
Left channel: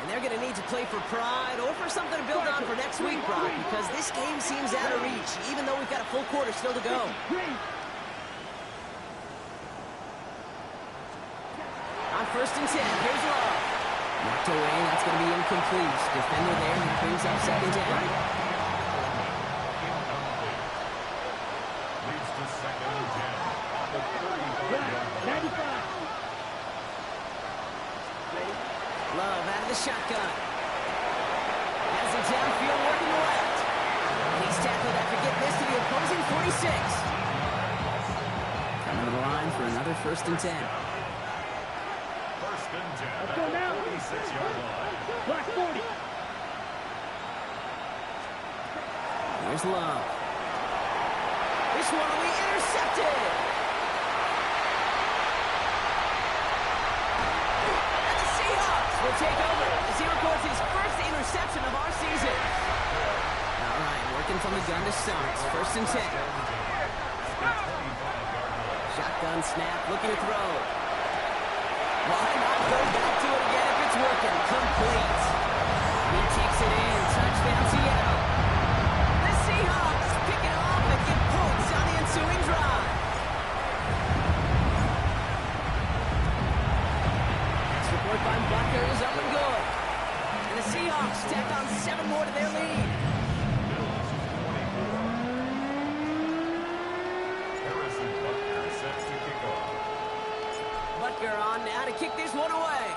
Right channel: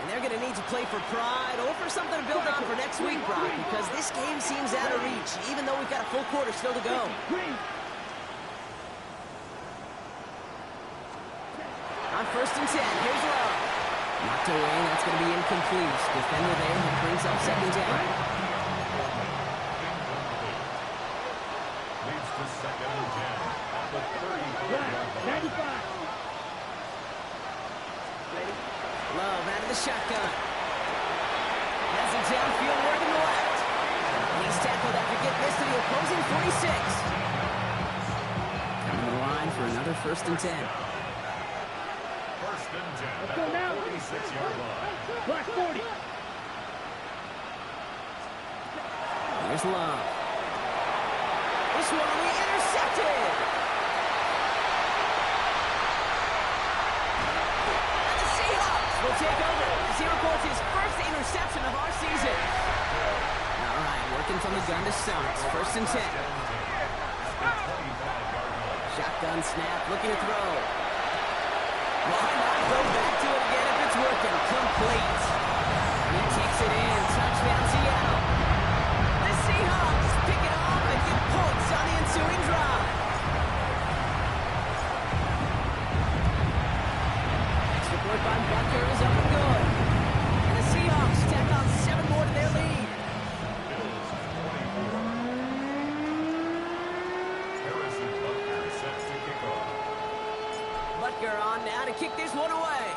And they're going to need to play for pride or for something to build on for next week, Brock, because this game seems out of reach, even though we've got a full quarter still to go. On 1st and 10, here's Love. Knocked away, and that's going to be incomplete. Defender there who brings up 2nd down. Leads to 2nd and 10 at the 35-yard line. Love out of the shotgun. Has it downfield working the left. And he's tackled after getting this to the opposing 46. Coming to the line for another 1st and 10. First and 10 Let's at go the now. 46-yard line. Block 40. Here's Love. This one will be intercepted. And the Seahawks will take over as he records his first interception of our season. All right, working from the gun to start. First and 10. Shotgun snap, looking to throw. Why not go back to it again if it's working? Complete. He takes it in. Touchdown, Seattle. The Seahawks pick it off and get points on the ensuing drive. Extra point by Butker is up and good. And the Seahawks tack on 7 more to their lead. Bills 24. Harrison Butker set to kick off. Butker on now to kick this one away.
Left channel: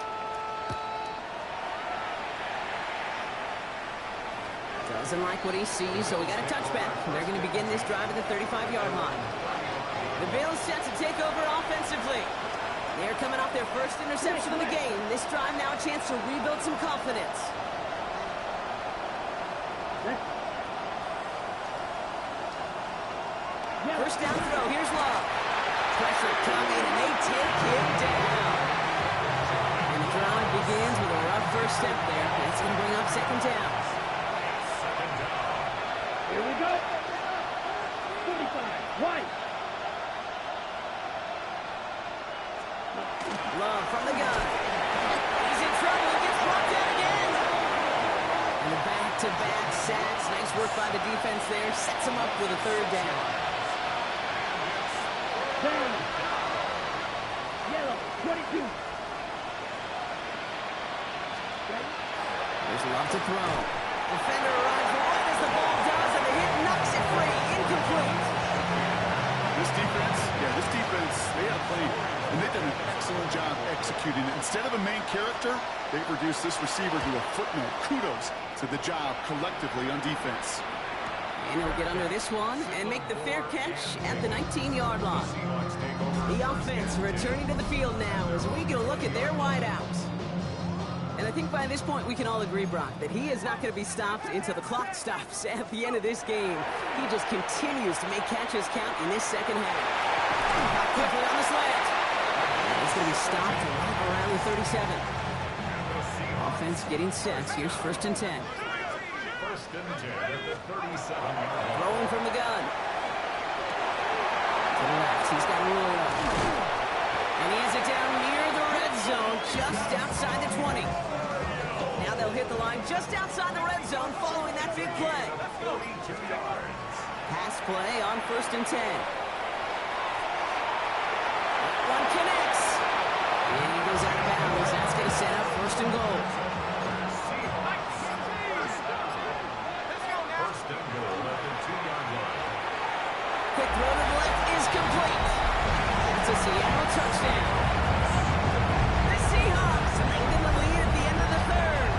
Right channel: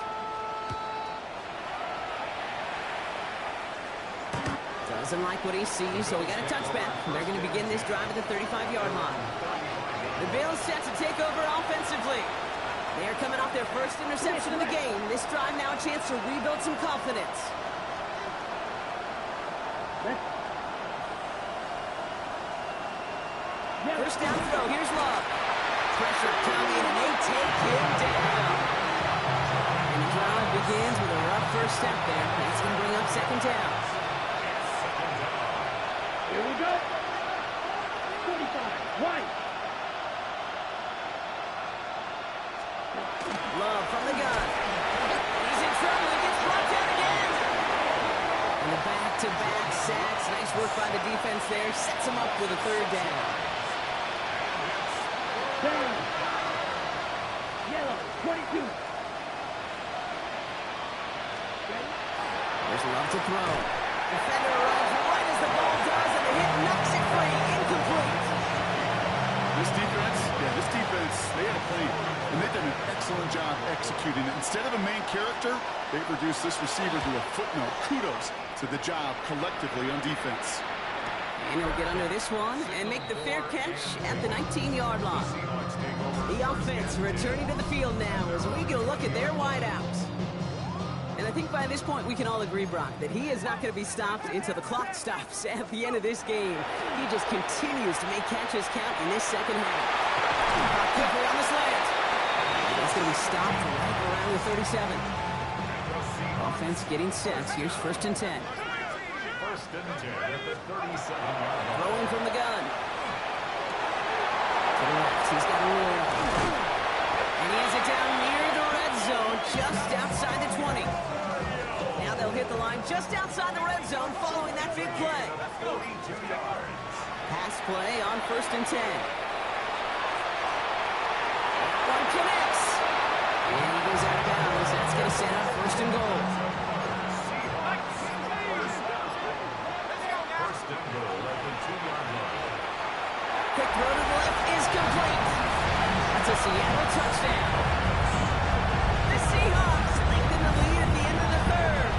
Doesn't like what he sees, so we got a touchback. They're going to begin this drive at the 35-yard line. The Bills set to take over offensively. They are coming off their first interception of the game. This drive now a chance to rebuild some confidence. First down throw. Here's Love. Pressure coming, and they take him down. And the drive begins with a rough first step there. That's going to bring up second down. Here we go. 45. White. Love from the gun. He's in trouble. He gets brought down again. And the back-to-back sacks. Nice work by the defense there. Sets him up with a third down. Down. Yellow. 22. There's Love to throw. Defender arrives right as the ball does, and the hit knocks it free. Incomplete. This defense, they had a plan, and they've done an excellent job executing it. Instead of a main character, they've reduced this receiver to a footnote. Kudos to the job collectively on defense. And he'll get under this one and make the fair catch at the 19-yard line. The offense returning to the field now as we get a look at their wideouts. And I think by this point we can all agree, Brock, that he is not going to be stopped until the clock stops at the end of this game. He just continues to make catches count in this second half. Out quickly on the slant. And he's going to be stopped right around the 37. Offense getting set. Here's first and 10. First and 10 at the 37-yard line. Throwing from the gun. To the left. He's got Arroyo. And he has it down near the red zone, just outside the 20. Now they'll hit the line just outside the red zone following that big play. 42 yards. Pass play on first and 10. That one connects. And he goes out of bounds. That's going to set up first and goal. First and goal at the 2-yard line. Quick throw to the left is complete. That's a Seattle touchdown. The Seahawks lengthen the lead at the end of the third.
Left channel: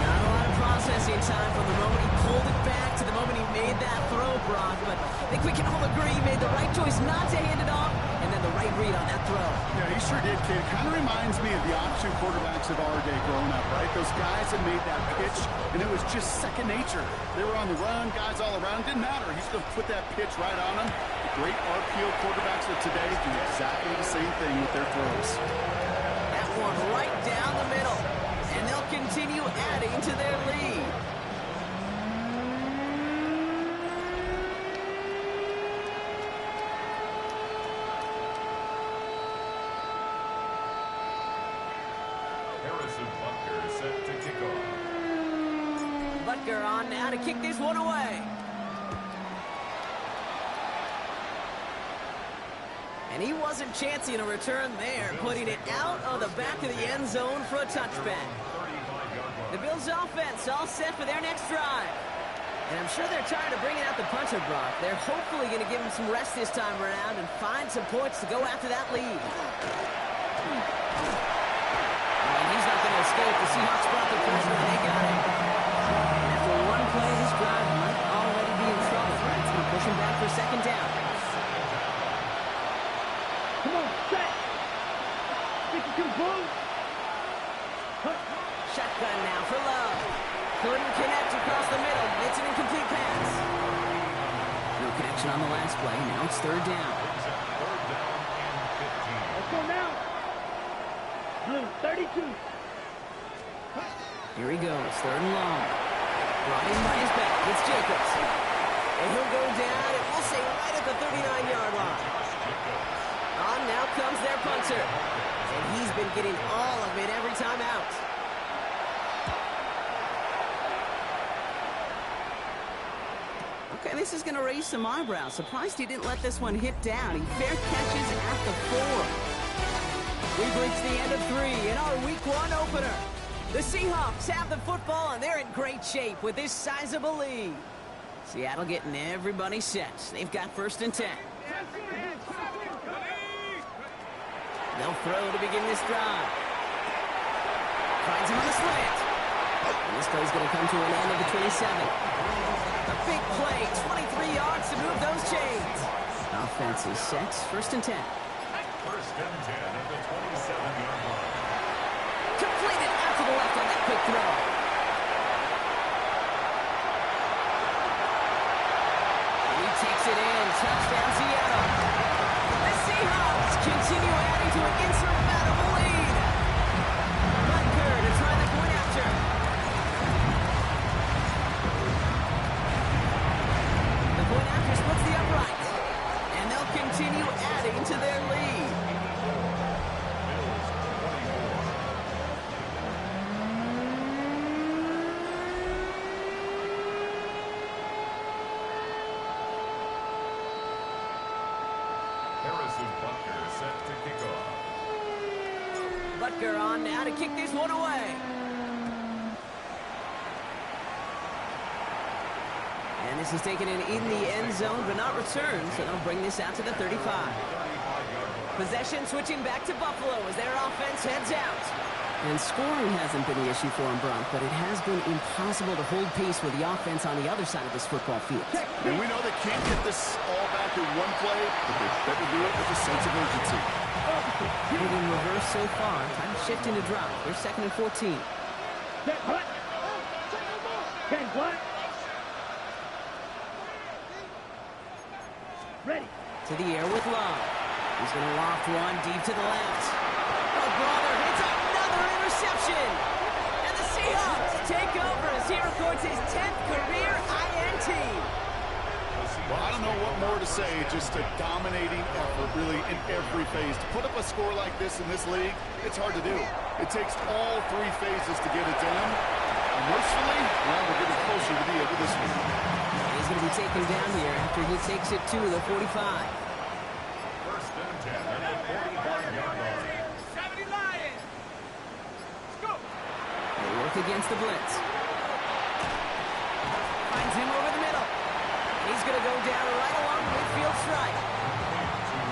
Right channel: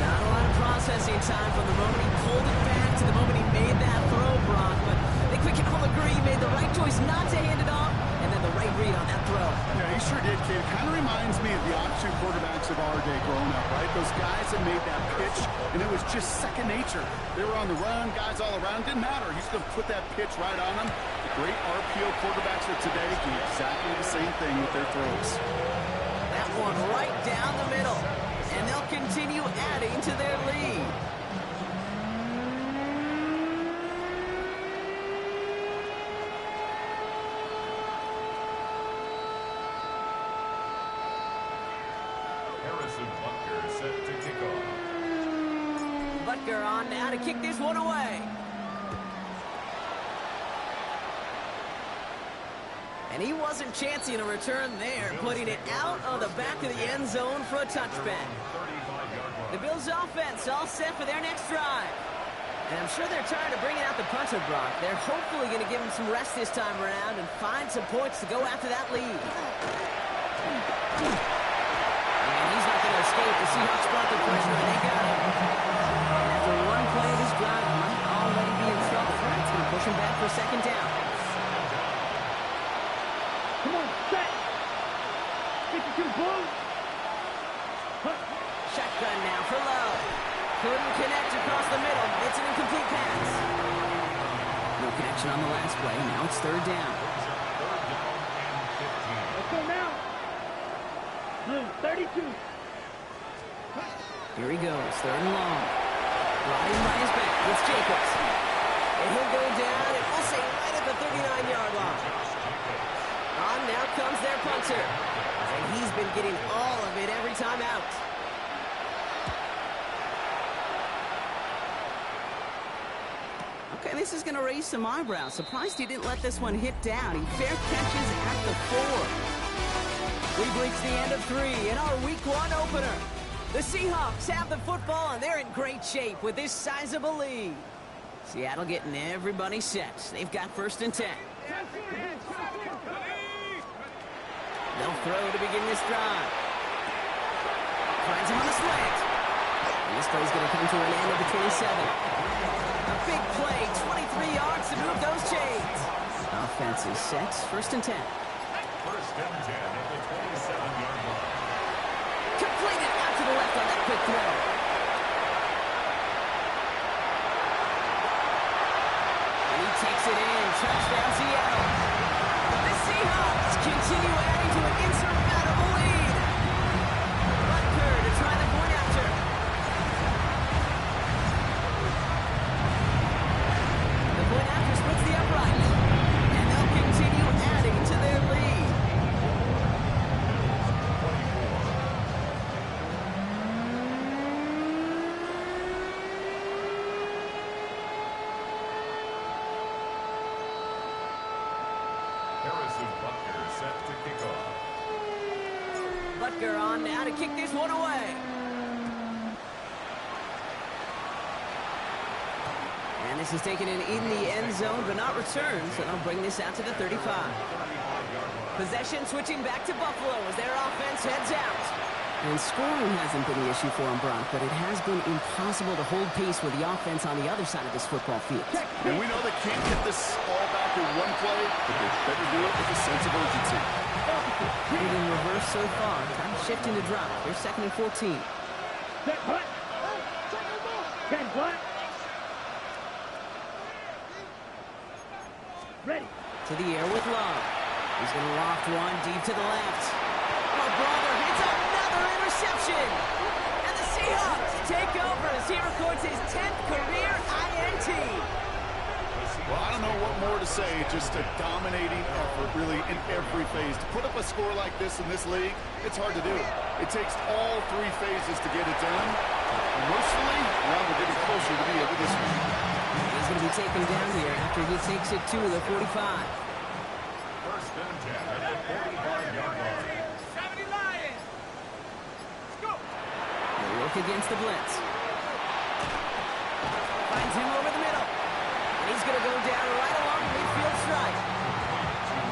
Not a lot of processing time from the moment he pulled it back to the moment he made that throw, Brock. But I think we can all agree he made the right choice not to hand it off, and then the right read on that throw. Yeah, he sure did, kid. It kind of reminds me of the option quarterbacks of our day growing up, right? Those guys that made that pitch, and it was just second nature. They were on the run, guys all around. Didn't matter. He's going to put that pitch right on them. The great RPO quarterbacks of today do exactly the same thing with their throws. That one right down the middle. And they'll continue adding to their lead. Harrison Butker set to kick off. Butker on now to kick this one away. And he wasn't chancing a return there, putting it out of the back of the end zone for a touchback. The Bills' offense all set for their next drive. And I'm sure they're tired of bringing out the punter, Brock. They're hopefully going to give him some rest this time around and find some points to go after that lead. And he's not going to escape. The Seahawks brought the pressure, and they got him. And after one play, this drive might already be in trouble. It's going to push him back for second down. Come on, set. 22, Bull. Shotgun now for Love. Couldn't connect across the middle. It's an incomplete pass. No connection on the last play. Now it's third down. Third down and 15. Let's go now. Blue, 32. Here he goes, third and long. Brought in by his back. It's Jacobs. And he'll go down, and we'll say right at the 39-yard line. On now comes their punter. And he's been getting all of it every time out. Okay, this is going to raise some eyebrows. Surprised he didn't let this one hit down. He fair catches at the 4. We've reached the end of 3 in our Week 1 opener. The Seahawks have the football, and they're in great shape with this sizable lead. Seattle getting everybody set. They've got first and 10. They'll throw to begin this drive. Finds him on the slant. And this play's going to come to an end at the 27. A big play, 23 yards to move those chains. Offense is set, first and 10. First and 10 at the 27-yard line. Completed out to the left on that quick throw. And he takes it in. Touchdown, Seattle. The Seahawks continue adding to an insurmountable lead. Butker to try the point after. The point after splits the upright. And they'll continue adding to their lead. Harrison Butker set to kick off. Butker on now to kick this one away. And this is taken in the end zone, but not returned, so they'll bring this out to the 35. Possession switching back to Buffalo as their offense heads out. And scoring hasn't been the issue for them, Brock, but it has been impossible to hold pace with the offense on the other side of this football field. And we know they can't get this all back in one play, but they better do it with a sense of urgency. Putting in reverse so far. Time to shift into drive. Here's second and 14. Set, what? 10, what? Ready. To the air with Love. He's going to loft one deep to the left. Oh, brother, it's another interception. And the Seahawks take over as he records his 10th career INT. Well, I don't know what more to say. Just a dominating effort, really, in every phase. To put up a score like this in this league, it's hard to do. It takes all 3 phases to get it done. And mercifully, well, we're getting closer to the end of this one. And he's going to be taken down here after he takes it to the 45. First and 10 at the 45-yard line. 70 Lions. Go. He'll work against the blitz. Finds him over the middle. And he's going to go down right along the midfield stripe.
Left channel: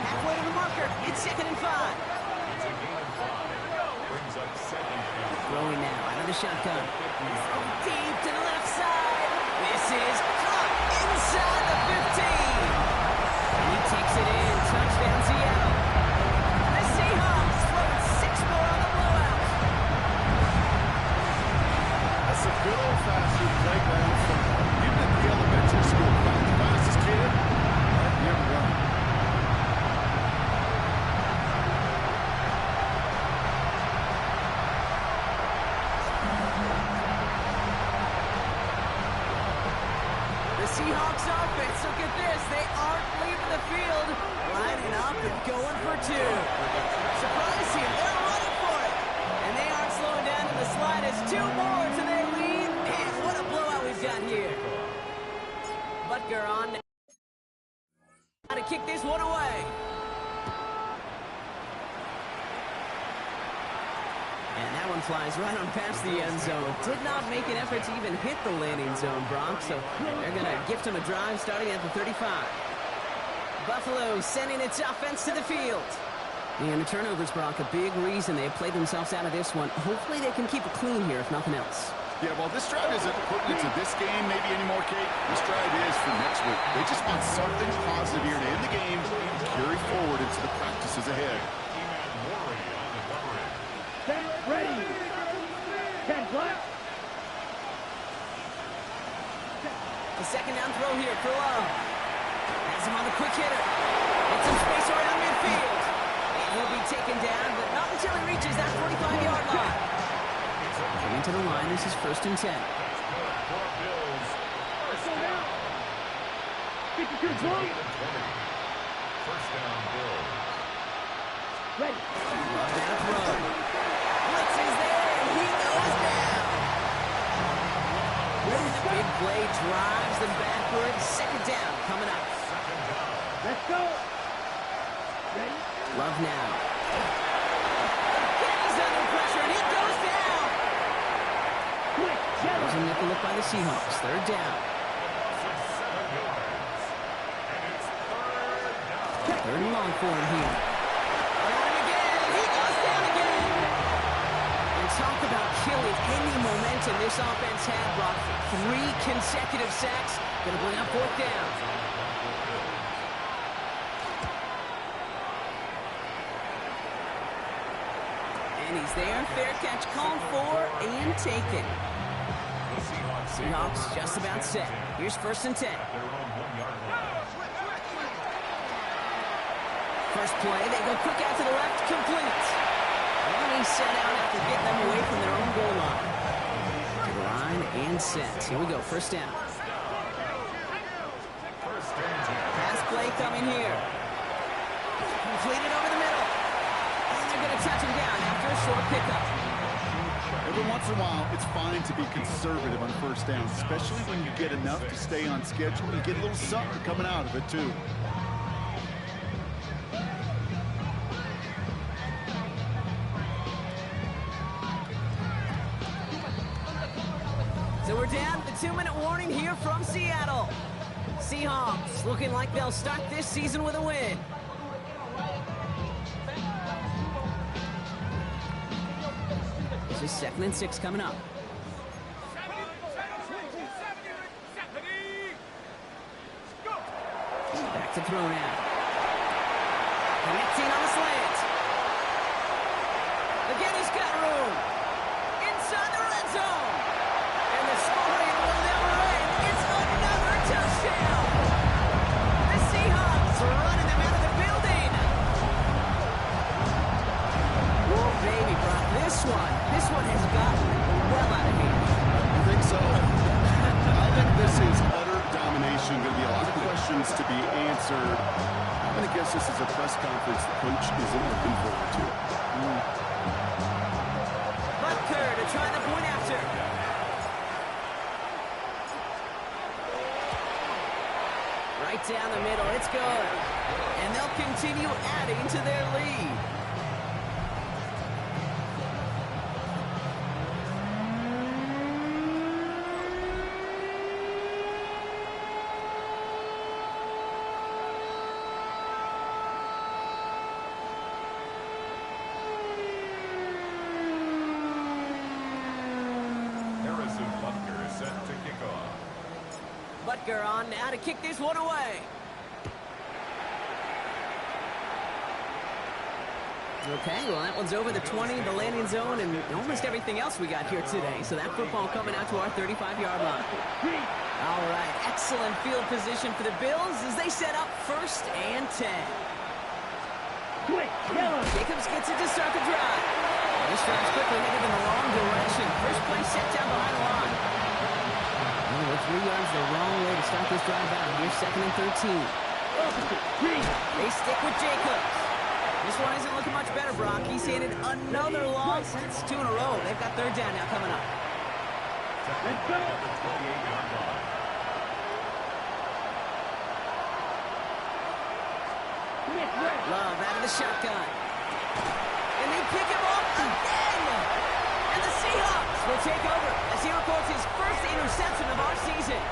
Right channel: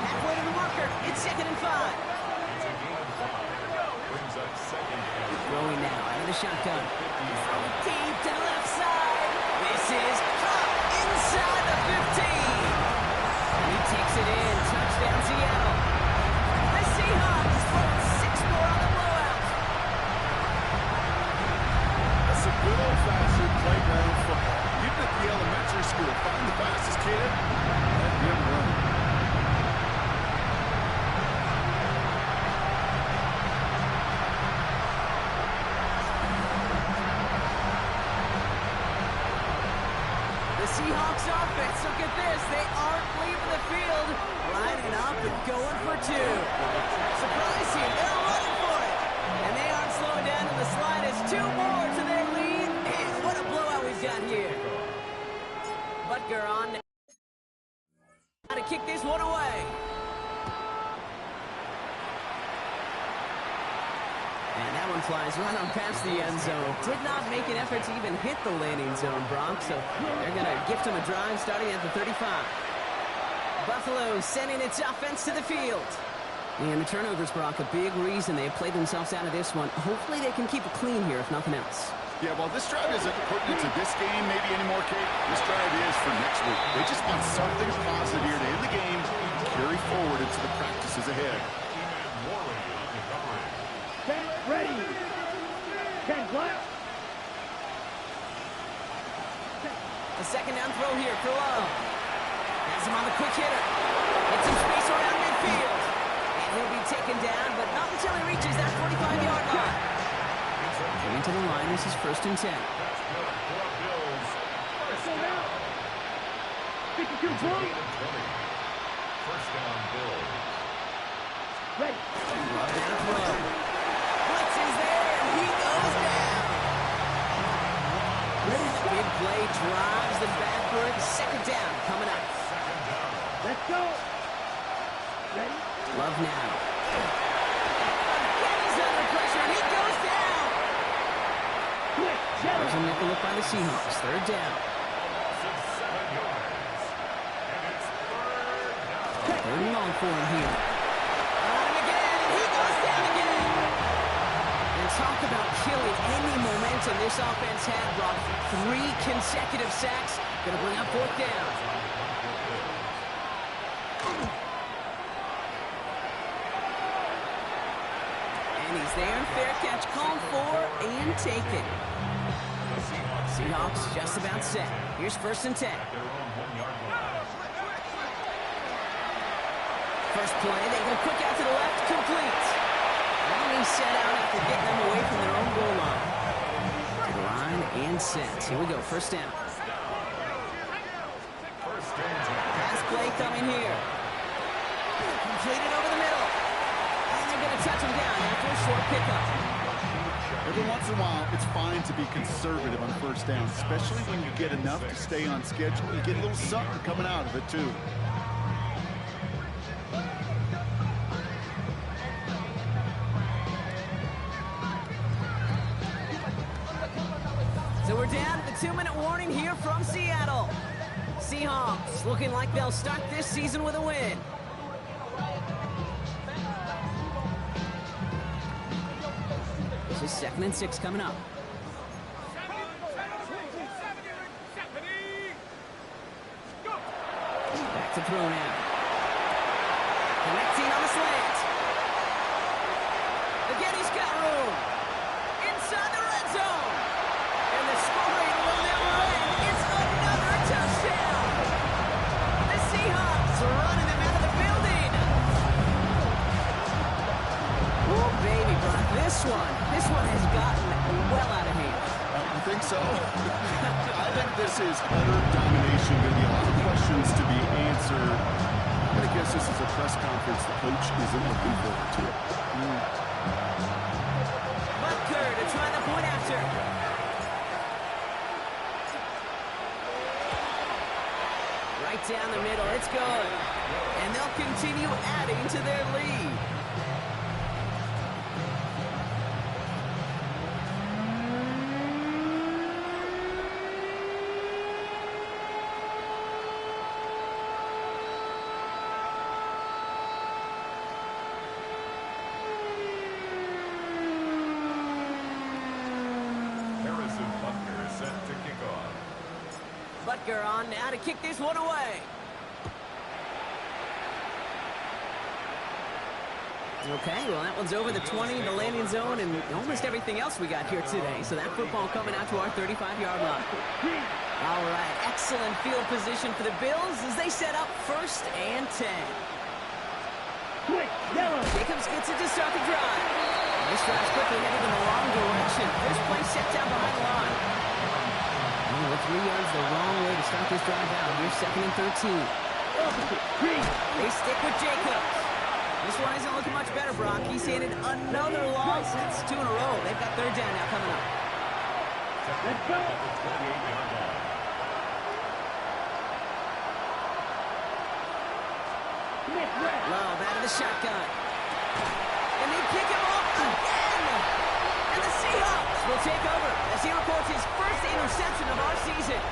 Halfway to the marker. It's second and 5. It's a gain of 5. Brings up second and Throwing now out of the shotgun. Throw deep to the left side. This is caught inside the 15. And he takes it in. Touchdown, Seattle. The Seahawks throwing 6 more on the blowout. That's a good old-fashioned playground football. Even at the elementary school, find the fastest kid, let him run. The Seahawks offense, look at this. They aren't leaving the field, lining up and going for 2. Surprise here. They're running for it. And they aren't slowing down in the slightest. 2 more to their lead. And what a blowout we've got here. Butker on now to kick this one away. And that one flies right on past the end zone. Did not make an effort to even hit the landing zone, Bronx. So they're going to gift him a drive starting at the 35. Buffalo sending its offense to the field. And the turnovers, Brock, a big reason they have played themselves out of this one. Hopefully they can keep it clean here, if nothing else. Yeah, well, this drive isn't pertinent to this game maybe anymore, Kate. This drive is for next week. They just want something positive here to end the game and carry forward into the practices ahead. Worry on the coverage. Set, ready. 10 black. A second down throw here for Love. Has him on the quick hitter. Get some space around midfield. And he'll be taken down, but not until he reaches that 45-yard line. Coming to the line, this is 1st and 10. That's good for Bills. First down. 52 It's a blue. gain of 20. First down, Bills. Ready. Love that throw. Blitz is there, and he goes down. Big play drives them backwards. Second down coming up. Second down. Let's go. Ready. Love now. Again, he's under pressure, and he goes down. Quick. There's a Jello. nickel look by the Seahawks. Third down. Loss of 7 yards. And it's third down. Third and long for him here. On him again, and he goes down again. And talk about killing any momentum this offense had, Brock. 3 consecutive sacks. Going to bring up 4th down. And he's there. Fair catch called for and taken. The Seahawks just about set. Here's 1st and 10. At their own 1-yard line. First play, they go quick out to the left, complete. And he's set out after getting them away from their own goal line. To the line and set. Here we go, 1st down. First and 10. Pass play coming here. Completed over the middle. And they're going to touch him down after a short pickup. Every once in a while, it's fine to be conservative on 1st down, especially when you get enough to stay on schedule. You get a little something coming out of it, too. So we're down to the 2-minute warning here from Seattle. Seahawks looking like they'll start this season with a win. This is 2nd and 6 coming up. Back to throw now. Connecting on the slant. Again, he's got room. Inside the red zone. And the scoring will never end. It's another touchdown. The Seahawks running them out of the building. Oh, baby, Brock, this one has gotten well out of hand. You think so? I think this is utter domination. Going to be a lot of questions to be answered. I'm going to guess this is a press conference the coach isn't looking forward to. Butker to try the point after. Right down the middle, it's good. And they'll continue adding to their lead. Harrison Butker is set to kick off. Butker on now to kick this one away. Okay, well, that one's over the 20, the landing zone, and almost everything else we got here today. So that football coming out to our 35-yard line. All right, excellent field position for the Bills as they set up 1st and 10. Quick. Jello. Jacobs gets it to start the drive. This drive's quickly headed in the wrong direction. First play set down behind the line. Oh, 3 yards the wrong way to start this drive out. Here's 2nd and 13. Opposite. Green. They stick with Jacobs. This one isn't looking much better, Brock. He's handed another loss. It's 2 in a row. They've got 3rd down now coming up. Let's go. At the 28-yard line. Smith red. Love out of the shotgun. And they pick him off again. And the Seahawks will take over as he records his first interception of our season.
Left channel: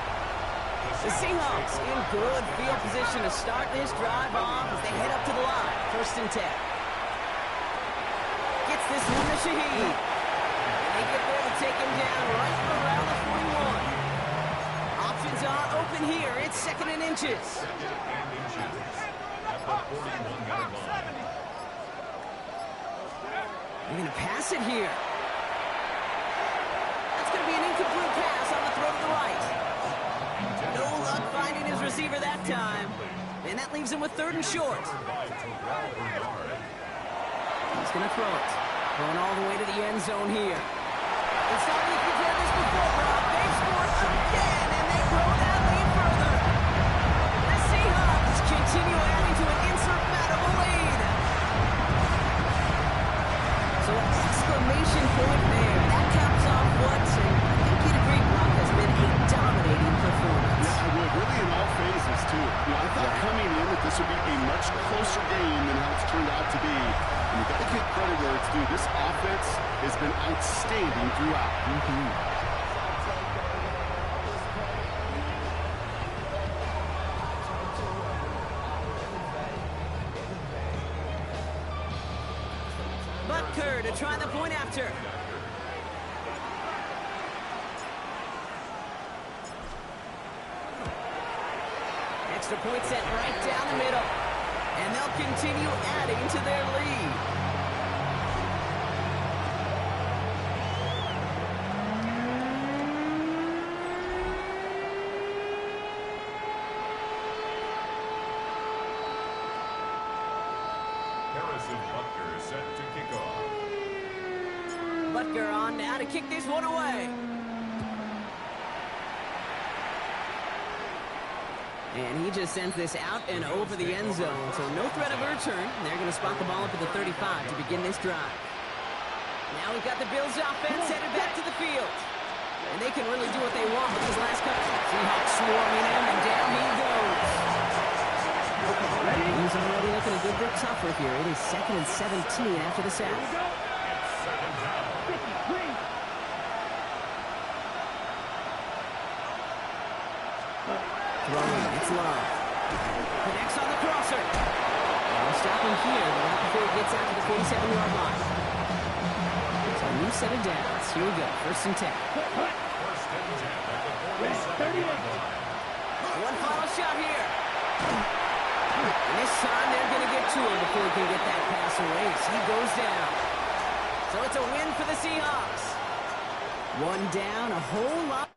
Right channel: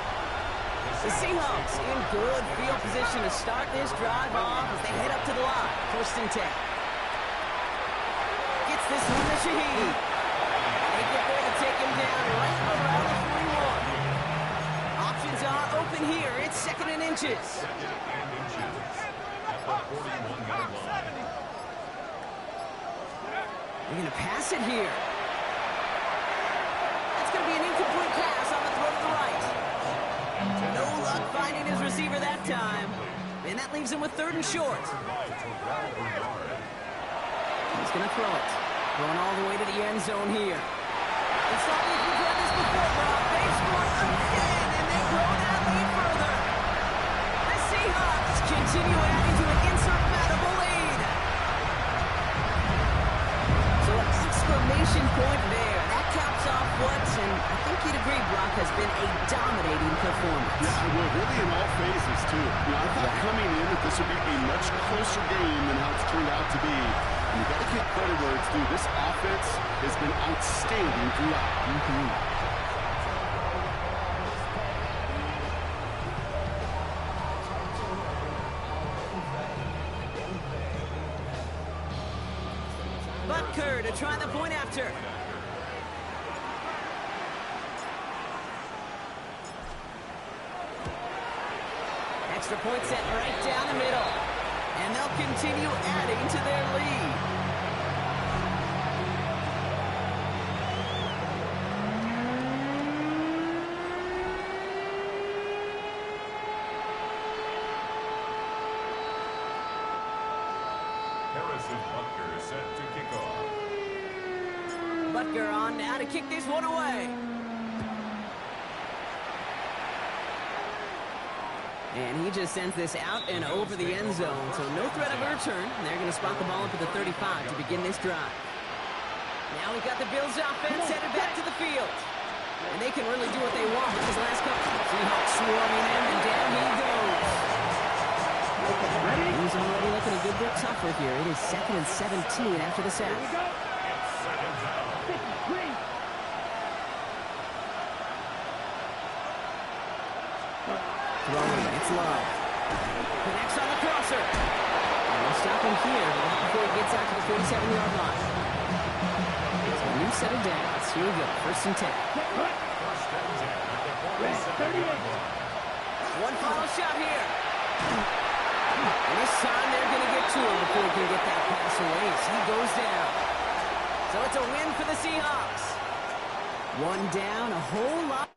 The Seahawks in good field position to start this drive off as they head up to the line. 1st and 10. Gets this one to Shaheed. And they get there to take him down right around the 41. Options are open here. It's 2nd and inches. 2nd and inches. At the 41-yard line. They're going to pass it here. That's going to be an incomplete pass on the throw to the right. No luck finding his receiver that time. And that leaves him with 3rd and short. He's going to throw it. Throwing all the way to the end zone here. And sorry if you've heard this before, Brock. They've scored again, and they grow that lead further. The Seahawks continue adding to an insurmountable lead. So an exclamation point there. That caps off what, and I think you'd agree, Brock, has been a dominating performance. Yeah, I would. Really in all phases, too. You know, I thought coming in that this would be a much closer game than how it's turned out to be. And you got to give credit where it's due. This offense has been outstanding throughout. Butker to try the point after. Extra point set right down the middle. And they'll continue adding to their lead. Harrison Butker set to kick off. Butker on now to kick this one away. And he just sends this out and over the end zone, so no threat of a return. They're going to spot the ball up at the 35 to begin this drive. Now we've got the Bills offense headed back to the field. And they can really do what they want with these last couple. Seahawks swarming him, and down he goes. He's already looking a good bit tougher here. It is 2nd and 17 after the sack. It's 2nd down. Throwing, it's Love. Connects on the crosser. And we'll stop him here, but not before he gets out to the 47-yard line. So a new set of downs. Here we go, 1st and 10. 1st and 10 at the 47-yard line. One final shot here. And this time they're going to get to him before he can get that pass away as he goes down. So it's a win for the Seahawks. One down, a whole lot.